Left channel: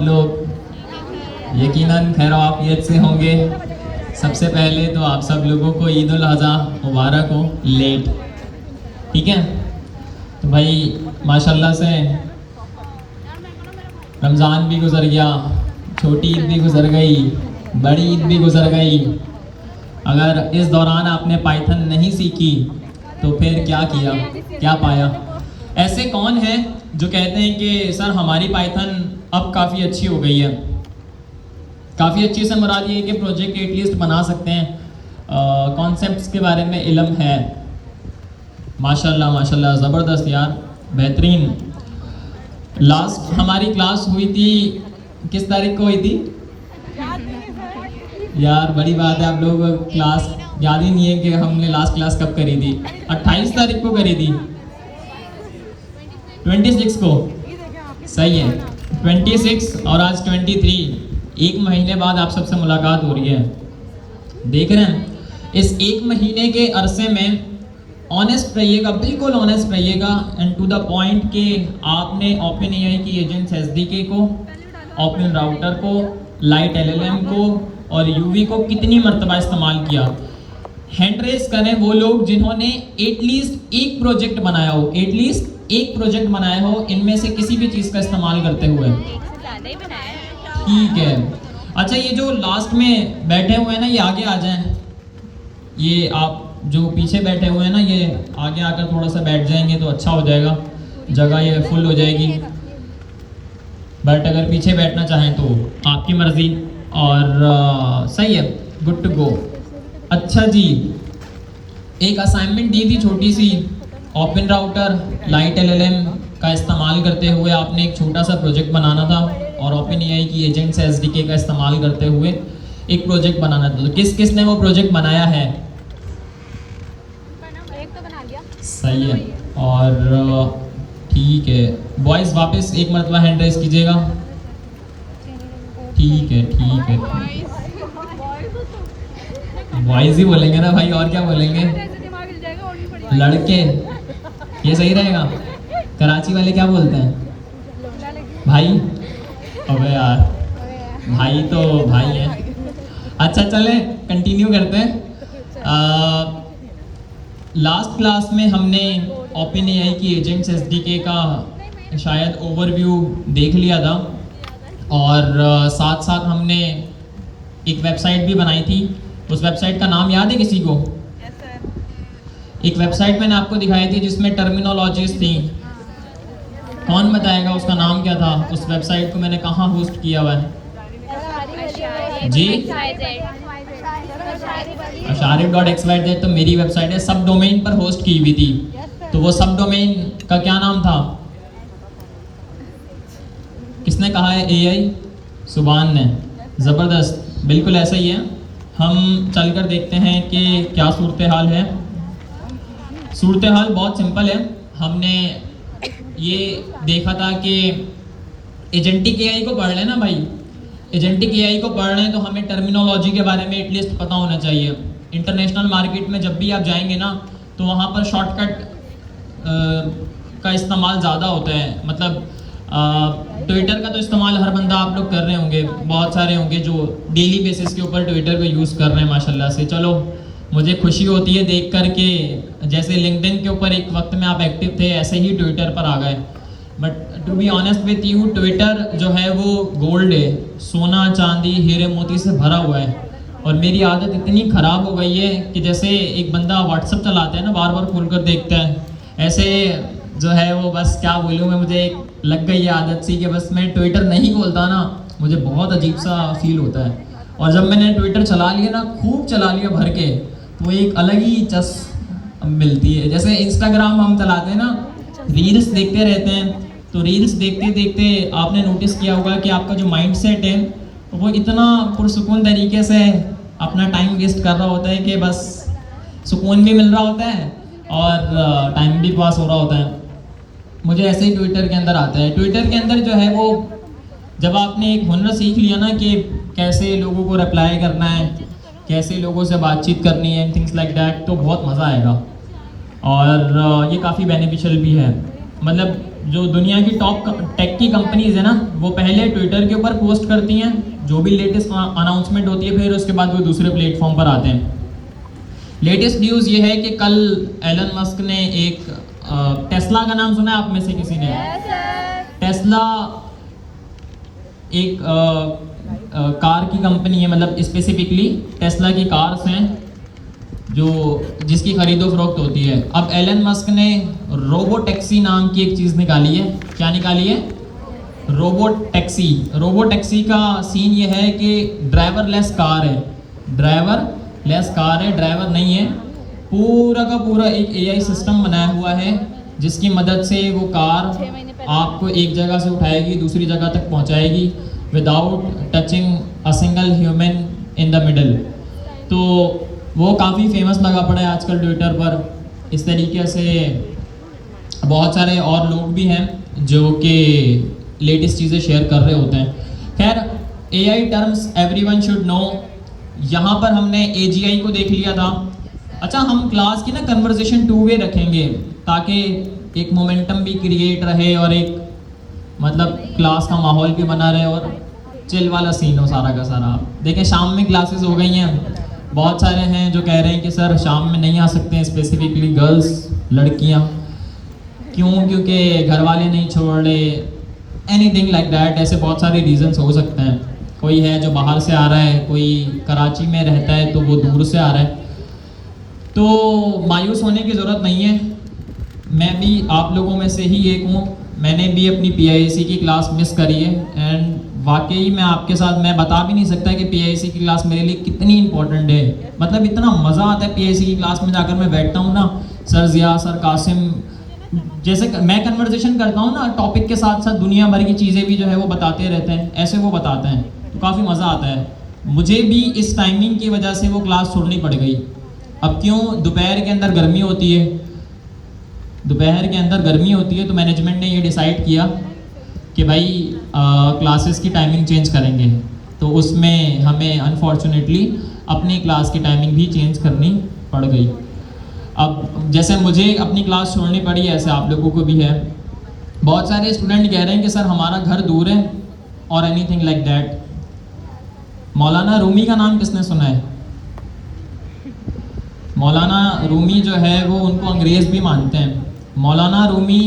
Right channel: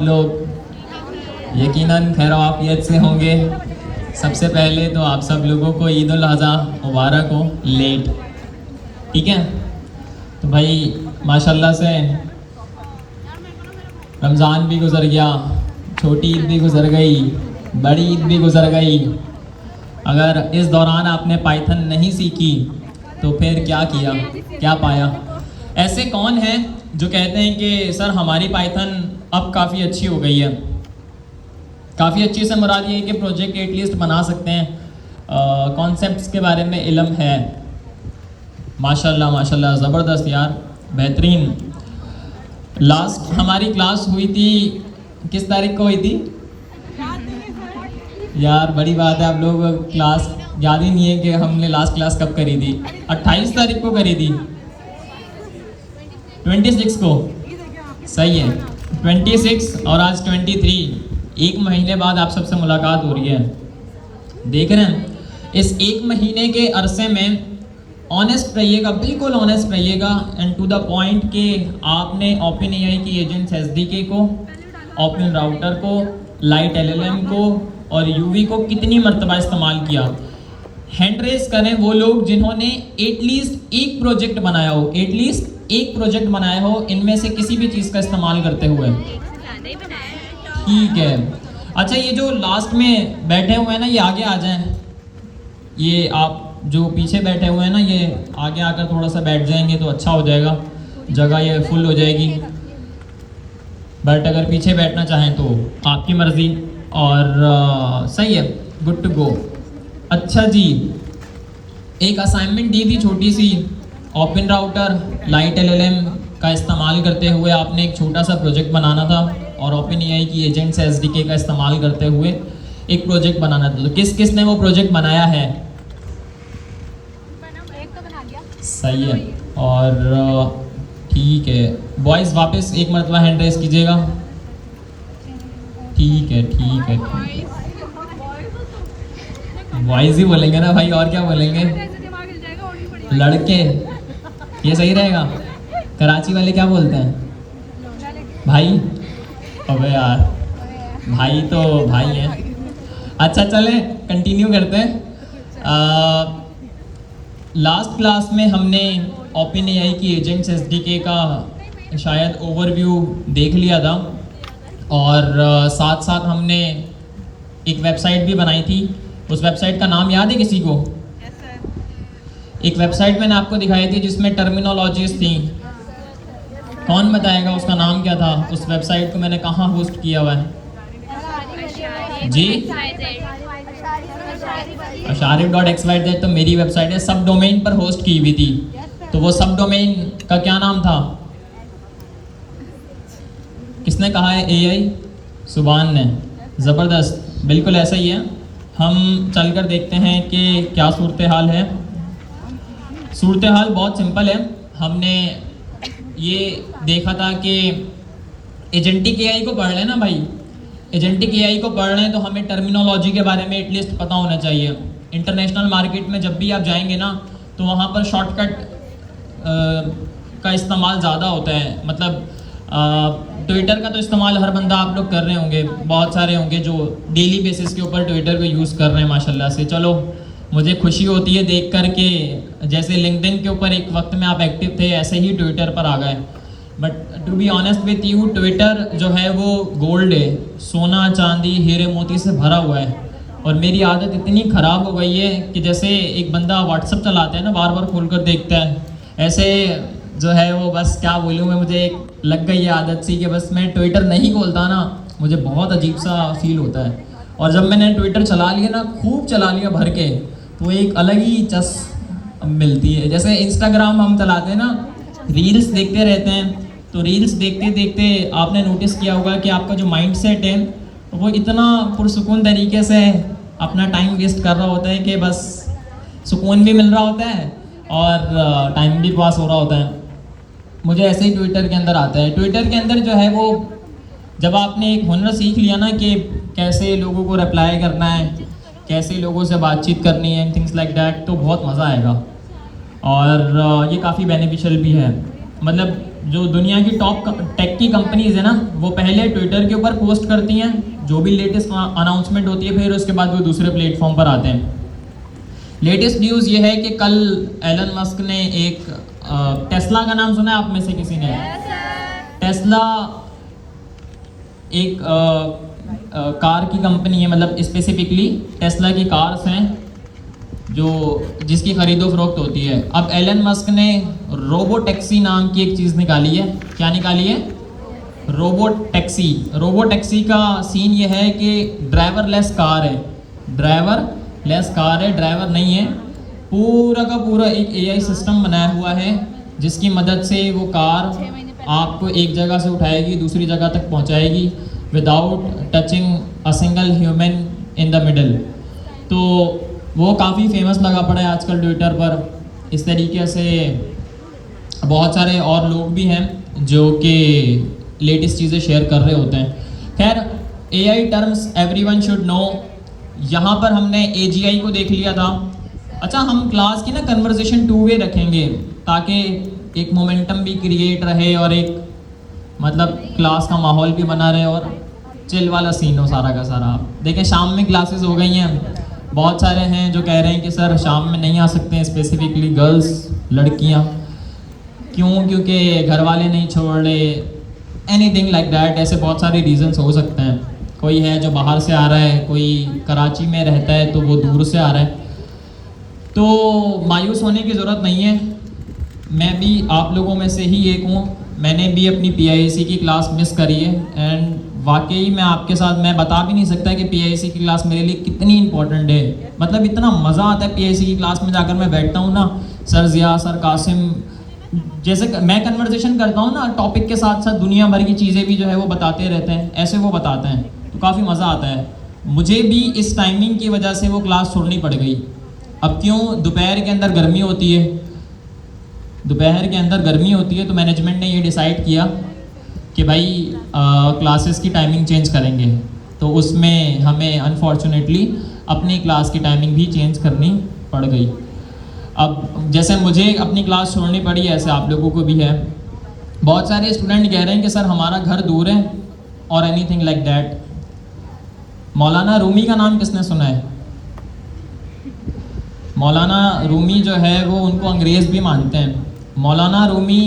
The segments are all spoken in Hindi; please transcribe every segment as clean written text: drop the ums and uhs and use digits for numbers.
आप लोग? यकीनन खैर-ओ-आफियत से होंगे। सबसे पहले तो आप सब लोगों को ईद उल अज़हा मुबारक हो लेट, ठीक है? तो भाई माशाल्लाह से रमज़ान भी गुजर गया, छोटी ईद भी गुजर गई, बड़ी ईद भी गुजर गई। अगर इस दौरान आपने पाइथन नहीं सीखी तो फिर क्या किया, क्या पाया? ऐसे कौन हैं जो कहते हैं कि सर हमारी पाइथन अब काफ़ी अच्छी हो गई है? काफ़ी अच्छी से मुराद ये है कि प्रोजेक्ट एटलीस्ट बना सकते हैं, कॉन्सेप्ट्स के बारे में इल्म है। माशाल्लाह माशाल्लाह, ज़बरदस्त यार, बेहतरीन। लास्ट हमारी क्लास हुई थी, किस तारीख को हुई थी यार? बड़ी बात है, आप लोग क्लास याद ही नहीं है कि हमने लास्ट क्लास कब करी थी। 28 तारीख को करी थी, 26 को, सही है, 26 और आज 23। एक महीने बाद आप सबसे मुलाकात हो रही है। देख रहे हैं, इस एक महीने के अरसे में ऑनेस्ट रहिएगा, बिल्कुल ऑनेस्ट रहिएगा एंड टू द पॉइंट कि आपने ओपन एआई की एजेंट्स एसडीके को, ओपन राउटर को, लाइट एलएलएम को और यूवी को कितनी मरतबा इस्तेमाल किया। हैंड रेस करें वो लोग जिन्होंने एटलीस्ट एक प्रोजेक्ट बनाया हो, एटलीस्ट एक प्रोजेक्ट बनाया हो इनमें से किसी भी चीज़ का इस्तेमाल करते हुए। ठीक है, अच्छा ये जो लास्ट में बैठे हुए हैं ना, ये आगे आ जाएं। ये आप जो पीछे बैठे हुए हैं ना, ये आगे आकर थोड़ा सा बैठ जाएंगे तो अच्छा हो जाएगा, जगह ये फुल हो जाएगी। बट अगर पीछे बैठना चाहें तो आपकी मर्जी। और सही है, गुड टू गो। अच्छा जी, एक असाइनमेंट दी थी छोटी सी, ओपन राउटर, लाइट एलएलएम का इस्तेमाल करते हुए आपने एक छोटा सा प्रोजेक्ट बनाना था और ओपन एआई की एजेंट्स एसडीके का इस्तेमाल करते हुए एक प्रोजेक्ट बनाना था। तो किस किस ने वो प्रोजेक्ट बनाया है? सही है, और ठीक है बॉयज, वापस एक मरतबा हैंड रेस कीजिएगा। ठीक है ठीक है ठीक है, बॉयज ही बोलेंगे ना भाई, और क्या बोलेंगे? लड़के, ये सही रहेगा। कराची वाले क्या बोलते हैं? भाई। अबे यार, भाई तो भाई है। अच्छा चले कंटिन्यू करते हैं। लास्ट क्लास में हमने ओपन एआई की एजेंट्स एसडीके का शायद ओवरव्यू देख लिया था और साथ साथ हमने एक वेबसाइट भी बनाई थी। उस वेबसाइट का नाम याद है किसी को? एक वेबसाइट मैंने आपको दिखाई थी जिसमें टर्मिनोलॉजीज थी। कौन बताएगा उसका नाम क्या था? उस वेबसाइट को मैंने कहाँ होस्ट किया हुआ है जी? Asharif.xyz तो मेरी वेबसाइट है, सब डोमेन पर होस्ट की हुई थी। तो वो सब डोमेन का क्या नाम था? किसने कहा है? एआई सुभान ने। ज़बरदस्त, बिल्कुल ऐसा ही है। हम चलकर देखते हैं कि क्या सूरत हाल है। सूरत हाल बहुत सिंपल है। हमने ये देखा था कि एजेंटिक एआई को पढ़ लेना भाई, एजेंटिक एआई को पढ़ रहे हैं तो हमें टर्मिनोलॉजी के बारे में एटलीस्ट पता होना चाहिए। इंटरनेशनल मार्केट में जब भी आप जाएंगे ना तो वहाँ पर शॉर्टकट का इस्तेमाल ज़्यादा होता है। मतलब ट्विटर का तो इस्तेमाल हर बंदा आप लोग कर रहे होंगे, बहुत सारे होंगे जो डेली बेसिस के ऊपर ट्विटर को यूज़ कर रहे हैं माशाल्लाह से। चलो मुझे खुशी होती है देख कर के जैसे लिंक्डइन के ऊपर एक वक्त में आप एक्टिव थे, ऐसे ही ट्विटर पर आ गए। But to be honest with you, Twitter जो है वो गोल्ड है, सोना चांदी हीरे मोती से भरा हुआ है। और मेरी आदत इतनी ख़राब हो गई है कि जैसे एक बंदा व्हाट्सअप चलाता है ना, बार बार खोल कर देखता है, ऐसे जो है वो बस क्या बोलूँ मैं, मुझे एक लग गई है आदत सी कि बस मैं ट्विटर नहीं खोलता ना मुझे बहुत अजीब सा फील होता है। और जब मैंने ट्विटर चला लिया ना, खूब चला लिया भर के, तो एक अलग ही चस मिलती है। जैसे इंस्टाग्राम हम चलाते हैं ना, रील्स देखते रहते हैं, तो रील्स देखते देखते आपने नोटिस किया होगा कि आपका जो माइंड सेट है वो इतना पुरसुकून तरीके से अपना टाइम वेस्ट कर रहा होता है कि बस सुकून भी मिल रहा होता है और टाइम भी पास हो रहा होता है। मुझे ऐसे ही ट्विटर के अंदर आता है। ट्विटर के अंदर जो है वो जब आपने एक हुनर सीख लिया ना कि कैसे लोगों को रिप्लाई करना है, कैसे लोगों से बातचीत करनी है, थिंग्स लाइक दैट, तो बहुत मज़ा आएगा। और ये काफ़ी बेनिफिशियल भी है। मतलब जो दुनिया की टॉप टेक की कंपनीज है ना, वो पहले ट्विटर के ऊपर पोस्ट करती हैं जो भी लेटेस्ट अनाउंसमेंट होती है, फिर उसके बाद वो दूसरे प्लेटफॉर्म पर आते हैं। लेटेस्ट न्यूज़ ये है कि कल एलन मस्क ने एक टेस्ला का नाम सुना है आप में से किसी ने? टेस्ला एक कार की कंपनी है, मतलब स्पेसिफिकली टेस्ला की कार्स हैं जो जिसकी खरीदो फरोख्त होती है। अब एलन मस्क ने रोबो टैक्सी नाम की एक चीज़ निकाली है। क्या निकाली है? Robo taxi. रोबो टैक्सी का सीन ये है कि ड्राइवरलेस कार है, ड्राइवरलेस कार है, ड्राइवर नहीं है, पूरा का पूरा एक एआई सिस्टम बनाया हुआ है जिसकी मदद से वो कार आपको एक जगह से उठाएगी दूसरी जगह तक पहुंचाएगी without touching a single human in the middle. तो वो काफ़ी फेमस लगा पड़ा है आजकल ट्विटर पर। इस तरीके से बहुत सारे और लोग भी हैं जो कि लेटेस्ट चीज़ें शेयर कर रहे होते हैं। खैर, AI terms everyone should know. यहाँ पर हमने एजीआई को देख लिया था। अच्छा, हम क्लास की ना कन्वर्सेशन 2 वे रखेंगे ताकि एक मोमेंटम भी क्रिएट रहे और एक मतलब क्लास का माहौल भी बना रहे और चिल वाला सीन हो सारा का सारा। देखिए, शाम में क्लासेस हो गई हैं, बहुत सारे हैं जो कह रहे हैं कि सर शाम में नहीं आ सकते हैं, स्पेसिफिकली गर्ल्स, लड़कियां। क्यों? क्योंकि घर वाले नहीं छोड़ रहे, एनीथिंग लाइक दैट। ऐसे बहुत सारे रीजंस हो सकते हैं। कोई है जो बाहर से आ रहा है, कोई कराची में रहता है तो वो दूर से आ रहा है। तो मायूस होने की ज़रूरत नहीं है। मैं भी आप लोगों में से ही एक हूँ। मैंने भी अपनी पीआईसी की क्लास मिस करी है एंड वाकई मैं आपके साथ मैं बता भी नहीं सकता कि पीआईसी की क्लास मेरे लिए कितनी इंपॉर्टेंट है। मतलब इतना मज़ा आता है पीआईसी की क्लास में जाकर। मैं बैठता हूँ ना, सर जिया, सर कासिम, जैसे मैं कन्वर्सेशन करता हूँ ना, टॉपिक के साथ साथ दुनिया भर की चीज़ें भी जो है वो बताते रहते हैं, ऐसे वो बताते हैं, तो काफ़ी मज़ा आता है। मुझे भी इस टाइमिंग की वजह से वो क्लास छोड़नी पड़ गई। अब क्यों? दोपहर के अंदर गर्मी होती है, दोपहर के अंदर गर्मी होती है, तो मैनेजमेंट ने ये डिसाइड किया कि भाई क्लासेस की टाइमिंग चेंज करेंगे। तो उसमें हमें अनफॉर्चुनेटली अपनी क्लास की टाइमिंग भी चेंज करनी पड़ गई। अब जैसे मुझे अपनी क्लास छोड़नी पड़ी, ऐसे आप लोगों को भी है। बहुत सारे स्टूडेंट कह रहे हैं कि सर हमारा घर दूर है और एनीथिंग लाइक दैट। मौलाना रूमी का नाम किसने सुना है? मौलाना रूमी जो है वो उनको अंग्रेज़ भी मानते हैं। मौलाना रूमी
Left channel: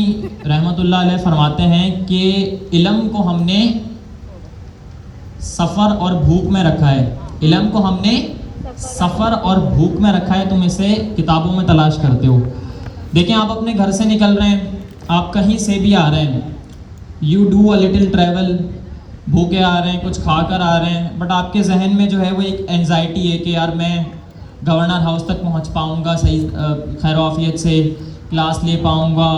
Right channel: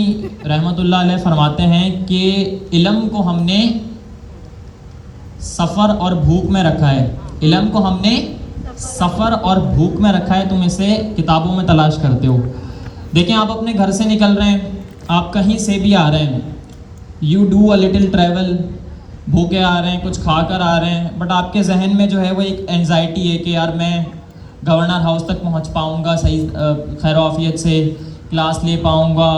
रहमतुल्लाह अलैह फरमाते हैं कि इल्म को हमने सफ़र और भूख में रखा है, इल्म को हमने सफ़र और भूख में रखा है, तुम इसे किताबों में तलाश करते हो। देखिए, आप अपने घर से निकल रहे हैं, आप कहीं से भी आ रहे हैं, you do a little travel, भूखे आ रहे हैं, कुछ खा कर आ रहे हैं, बट आपके जहन में जो है वो एक एंजाइटी है कि यार मैं गवर्नर हाउस तक पहुंच पाऊंगा सही खैर आफियत से, क्लास ले पाऊंगा,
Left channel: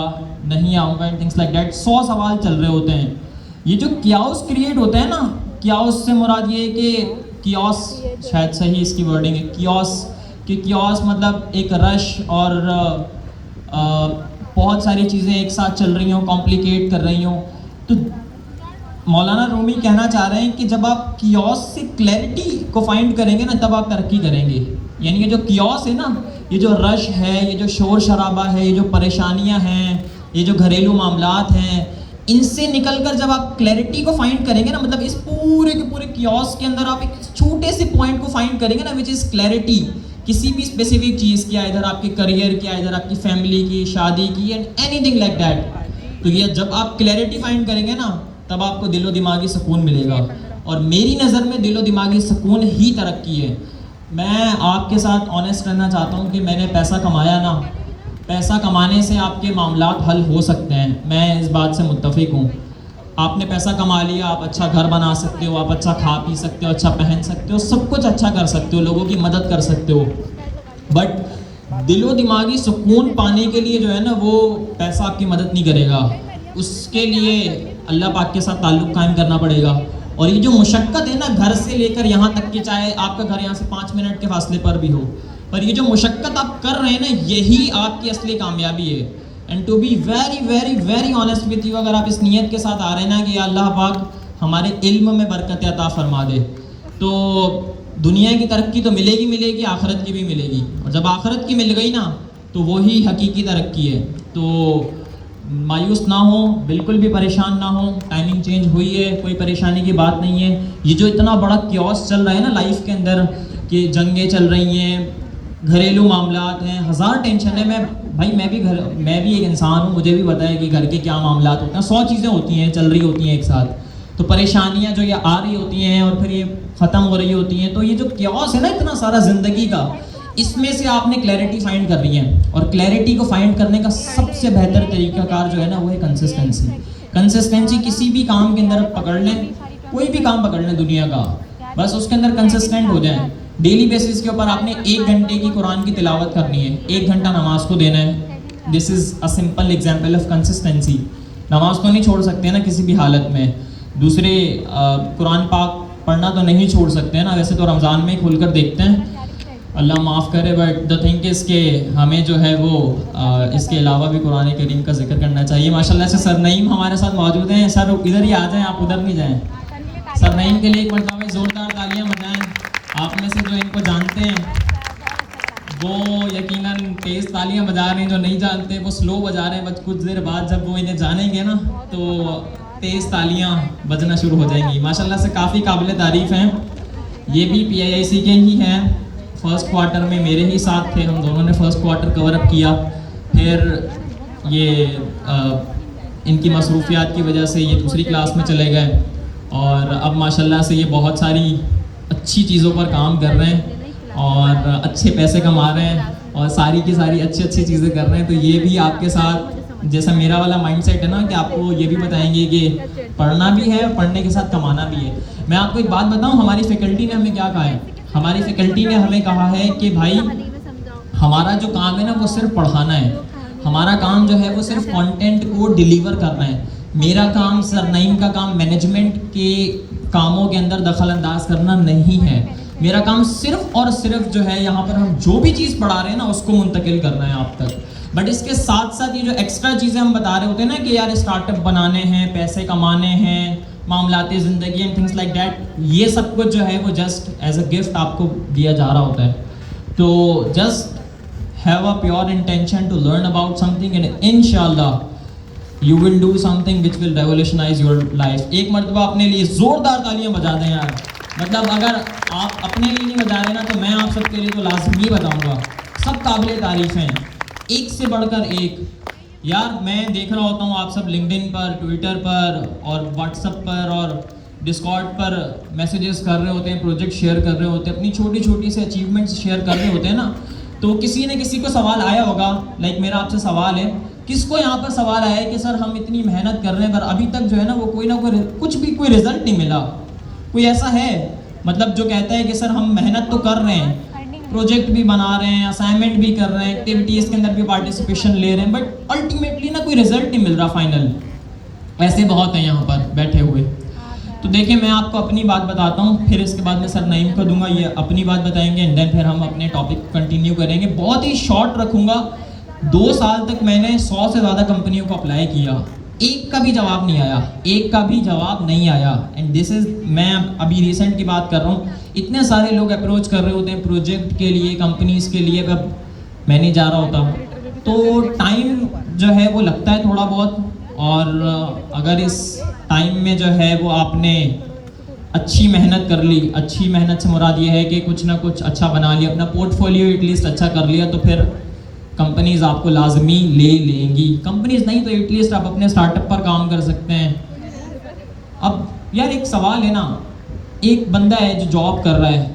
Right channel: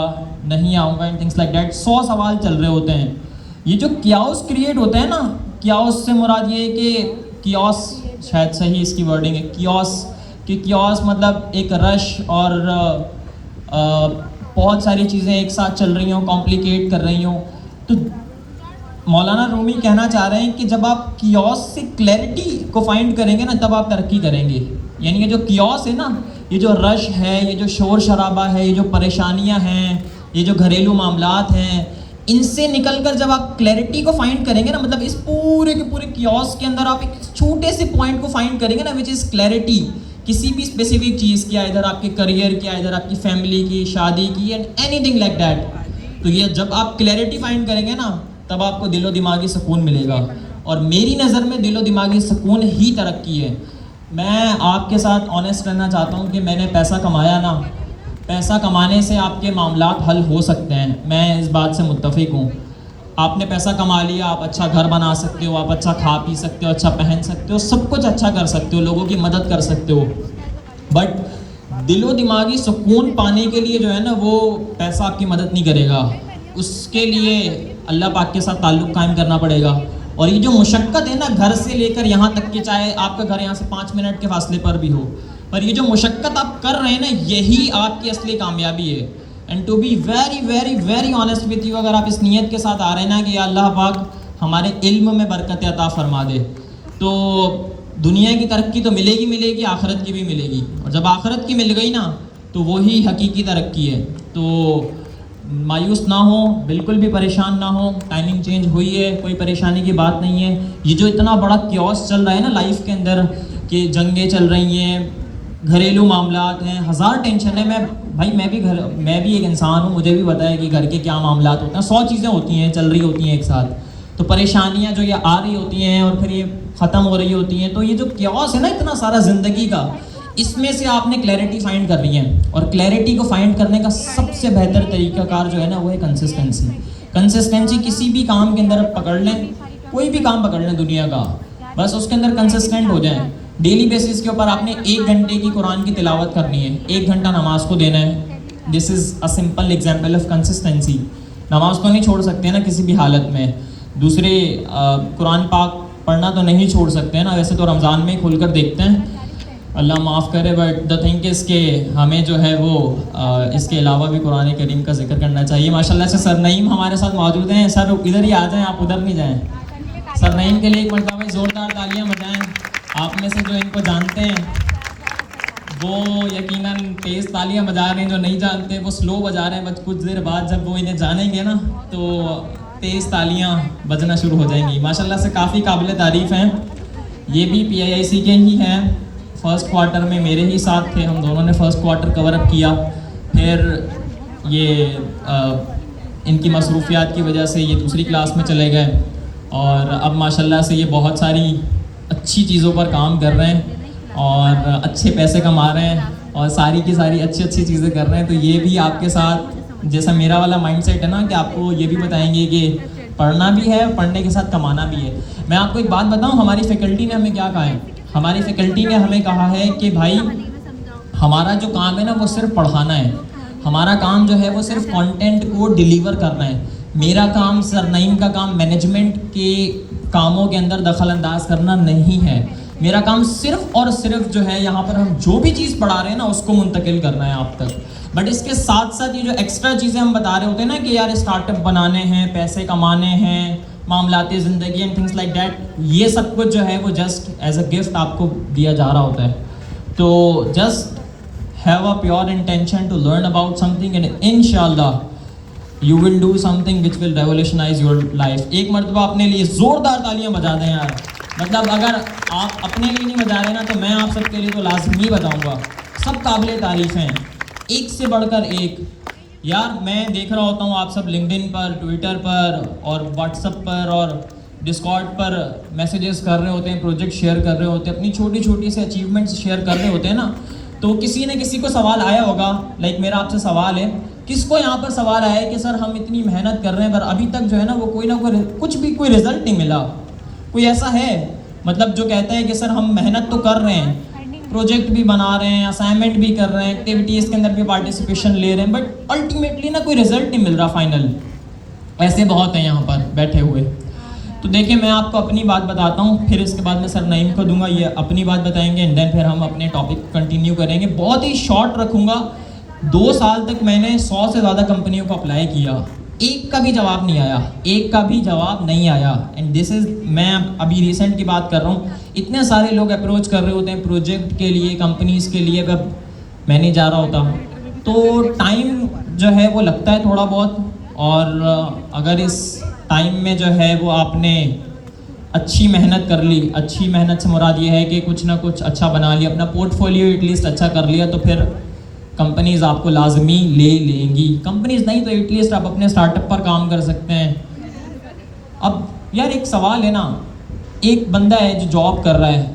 नहीं आऊँगा, थिंग्स लाइक दैट। 100 सवाल चल रहे होते हैं। ये जो क्याओस क्रिएट होता है ना, क्याओस से मुराद ये है कि क्याओस, शायद सही इसकी वर्डिंग है, क्याओस, कि क्याओस मतलब एक रश और बहुत सारी चीज़ें एक साथ चल रही हों, कॉम्प्लिकेट कर रही हों। तो मौलाना रूमी कहना चाह रहे हैं कि जब आप क्याओस से क्लैरिटी को फाइंड करेंगे ना, तब आप तरक्की करेंगे। यानी कि जो क्याओस है ना, ये जो रश है, ये जो शोर शराबा है, ये जो परेशानियां हैं, ये जो घरेलू मामलात हैं, इनसे निकलकर जब आप क्लैरिटी को फाइंड करेंगे ना, मतलब इस पूरे के पूरे क्याओस के अंदर आप एक छोटे से पॉइंट को फाइंड करेंगे ना, विच इज़ क्लैरिटी किसी भी स्पेसिफिक चीज़ की, इधर आपके करियर की, इधर आपकी फैमिली की, शादी की, एंड एनीथिंग लाइक दैट। तो ये जब आप क्लैरिटी फाइंड करेंगे ना, तब आपको दिलो दिमागी सुकून मिलेगा। और मेरी नज़र में दिलो दिमागी सुकून ही तरक्की है। मैं आपके साथ ऑनेस्ट रहना चाहता हूँ कि मैंने पैसा कमाया ना, पैसा कमाने से आपके मामलात हल हो सकते हैं, मैं इस बात से मुत्तफिक हूँ। आपने पैसा कमा लिया, आप अच्छा घर बना सकते हो, आप अच्छा खा पी सकते हो, अच्छा पहन सकते हो, सब कुछ अच्छा कर सकते हो, लोगों की मदद कर सकते हो। बट दिलो दिमागी सुकून पाने के लिए जो है ना, वो पैसा आपकी मदद नहीं करेगा। उसके लिए अल्लाह पाक के साथ ताल्लुक़ कायम करना पड़ेगा। और ये जो मुशक्क़त है ना, घर से लेकर यहाँ तक कि चाहे आपका घर यहाँ से 5 मिनट के फासले पर भी हो, पर ये जो मुशक्क़त आप कर रहे हैं ना, यही आपकी असली कामयाबी है। And to be very very very honest with you, अगर आप इस नीयत के साथ आ रहे हैं ना कि अल्लाह पाक हमारे इल्म में बरकत अता फरमा दे, तो दुनिया की तरक्की तो मिलेगी मिलेगी, आखिरत की भी मिलेगी। और जब आखिरत की मिल गई ना, तो वही हकीकी तरक्की है। तो मायूस ना हो, बिल्कुल भी परेशान ना हो। टाइमिंग चेंज हुई है, कोई परेशानी की बात नहीं है। ये जो इतना बड़ा क्योस चल रहा है ना लाइफ के अंदर, कि जंगें चल रही हैं, घरेलू मामलात हैं, हज़ार टेंशन है। मैं भी एक इंसान हूँ, मुझे भी पता है कि घर के क्या मामलात होते हैं। 100 चीज़ें होती हैं, चल रही होती हैं एक साथ। तो परेशानियाँ जो ये आ रही होती हैं और फिर ये ख़त्म हो रही होती हैं। तो ये जो क्योस है ना इतना सारा ज़िंदगी का, इसमें से आपने क्लैरिटी फाइंड करनी है। और क्लैरिटी को फाइंड करने का सबसे बेहतर तरीकाकार जो है ना, वो है कंसिस्टेंसी। कंसिस्टेंसी किसी भी काम के अंदर पकड़ लें, कोई भी काम पकड़ लें दुनिया का, बस उसके अंदर कंसिस्टेंट हो जाए। डेली बेसिस के ऊपर आपने 1 घंटे की कुरान की तिलावत करनी है, 1 घंटा नमाज को देना है। This is a simple example of consistency. नमाज तो नहीं छोड़ सकते ना किसी भी हालत में। दूसरे कुरान पाक पढ़ना तो नहीं छोड़ सकते हैं ना, वैसे तो रमज़ान में खुलकर देखते हैं, अल्लाह माफ़ करे। बट द थिंग इज़ के हमें जो है वो इसके अलावा भी कुरान करीम का जिक्र करना चाहिए। माशाल्लाह से सर नईम हमारे साथ मौजूद हैं। सर इधर ही आ जाएं, आप उधर नहीं जाएं। सर नईम के लिए एक मरतबा जोरदार तालियां बजाएं। आप में से जो इनको जानते हैं वो यकीनन तेज़ तालियां बजा रहे हैं, जो नहीं जानते वो स्लो बजा रहे हैं। बस कुछ देर बाद जब वो इन्हें जानेंगे ना तो तेज़ तालियां बजना शुरू हो जाएंगी। माशाल्लाह से काफ़ी काबिल तारीफ़ हैं। ये भी PIIC के ही हैं। फर्स्ट क्वार्टर में मेरे ही साथ थे, हम दोनों ने फर्स्ट क्वार्टर कवर अप किया। फिर ये इनकी मसरूफियात की वजह से ये दूसरी क्लास में चले गए, और अब माशाल्लाह से ये बहुत सारी अच्छी चीज़ों पर काम कर रहे हैं और अच्छे पैसे कमा रहे हैं और सारी की सारी अच्छी अच्छी चीज़ें कर रहे हैं। तो ये भी आपके साथ जैसा मेरा वाला माइंडसेट है ना, कि आपको ये भी बताएंगे कि पढ़ना भी है, पढ़ने के साथ कमाना भी है। मैं आपको एक बात बताऊँ, हमारी फैकल्टी ने हमें क्या कहा है? हमारी फैकल्टी ने हमें कहा है कि भाई हमारा जो काम है ना वो सिर्फ पढ़ाना है। हमारा काम जो है वो सिर्फ कंटेंट को डिलीवर करना है। मेरा काम, सर नईम का काम मैनेजमेंट के कामों के अंदर दखल अंदाज करना नहीं है। मेरा काम सिर्फ और सिर्फ जो है यहाँ पर हम जो भी चीज़ पढ़ा रहे हैं ना उसको मुंतकिल करना है आप तक। बट इसके साथ साथ ये जो एक्स्ट्रा चीज़ें हम बता रहे होते हैं ना कि यार स्टार्टअप बनाने हैं, पैसे कमाने हैं, मामलाती ज़िंदगी एंड थिंग्स लाइक दैट, ये सब कुछ जो है वो जस्ट एज अ गिफ्ट आपको दिया जा रहा होता है। तो just have a pure intention to learn about something and इंशाल्लाह you will do something which will revolutionise your life. एक मरतबा अपने लिए ज़ोरदार तालियां बजा दें यार। मतलब अगर आप अपने लिए नहीं बजा रहे ना तो मैं आप सबके लिए तो लाजमी बताऊँगा। सब काबिल तारीफ़ हैं, एक से बढ़कर एक। यार मैं देख रहा होता हूँ आप सब लिंक्डइन पर, ट्विटर पर और व्हाट्सएप पर और डिस्कॉर्ड पर मैसेजेस कर रहे होते हैं, प्रोजेक्ट शेयर कर रहे होते हैं, अपनी छोटी छोटी से अचीवमेंट्स शेयर कर रहे होते हैं ना। तो किसी न किसी को सवाल आया होगा, लाइक मेरा आपसे सवाल है, किसको यहाँ पर सवाल आया है कि सर हम इतनी मेहनत कर रहे हैं पर अभी तक जो है ना वो कोई ना कोई कुछ भी कोई रिजल्ट नहीं मिला? कोई ऐसा है मतलब जो कहता है कि सर हम मेहनत तो कर रहे हैं, प्रोजेक्ट भी बना रहे हैं, असाइनमेंट भी कर रहे हैं, एक्टिविटीज़ के अंदर भी पार्टिसिपेशन ले रहे हैं, बट अल्टीमेटली ना कोई रिजल्ट नहीं मिल रहा फाइनल? ऐसे बहुत हैं यहाँ पर बैठे हुए। तो देखिए मैं आपको अपनी बात बताता हूँ, फिर इसके बाद मैं सर नईम को दूंगा, ये अपनी बात बताएंगे एंड देन फिर हम अपने टॉपिक कंटिन्यू करेंगे। बहुत ही शॉर्ट रखूँगा। 2 साल तक मैंने 100 से ज़्यादा कंपनियों को अप्लाई किया, एक का भी जवाब नहीं आया, एक का भी जवाब नहीं आया। एंड दिस इज़, मैं अभी रिसेंट की बात कर रहा हूँ। इतने सारे लोग अप्रोच कर रहे होते हैं प्रोजेक्ट के लिए, कंपनीज़ के लिए, अगर मैं नहीं जा रहा होता तो टाइम जो है वो लगता है थोड़ा बहुत। और अगर इस टाइम में जो है वो आपने अच्छी मेहनत कर ली, अच्छी मेहनत से मुराद ये है कि कुछ ना कुछ अच्छा बना लिया, अपना पोर्टफोलियो एटलीस्ट अच्छा कर लिया, तो फिर कंपनीज आपको लाजमी ले लेंगी। कंपनीज नहीं तो एटलीस्ट आप अपने स्टार्टअप पर काम कर सकते हैं। अब यार एक सवाल है ना, एक बंदा है जो जॉब कर रहा है,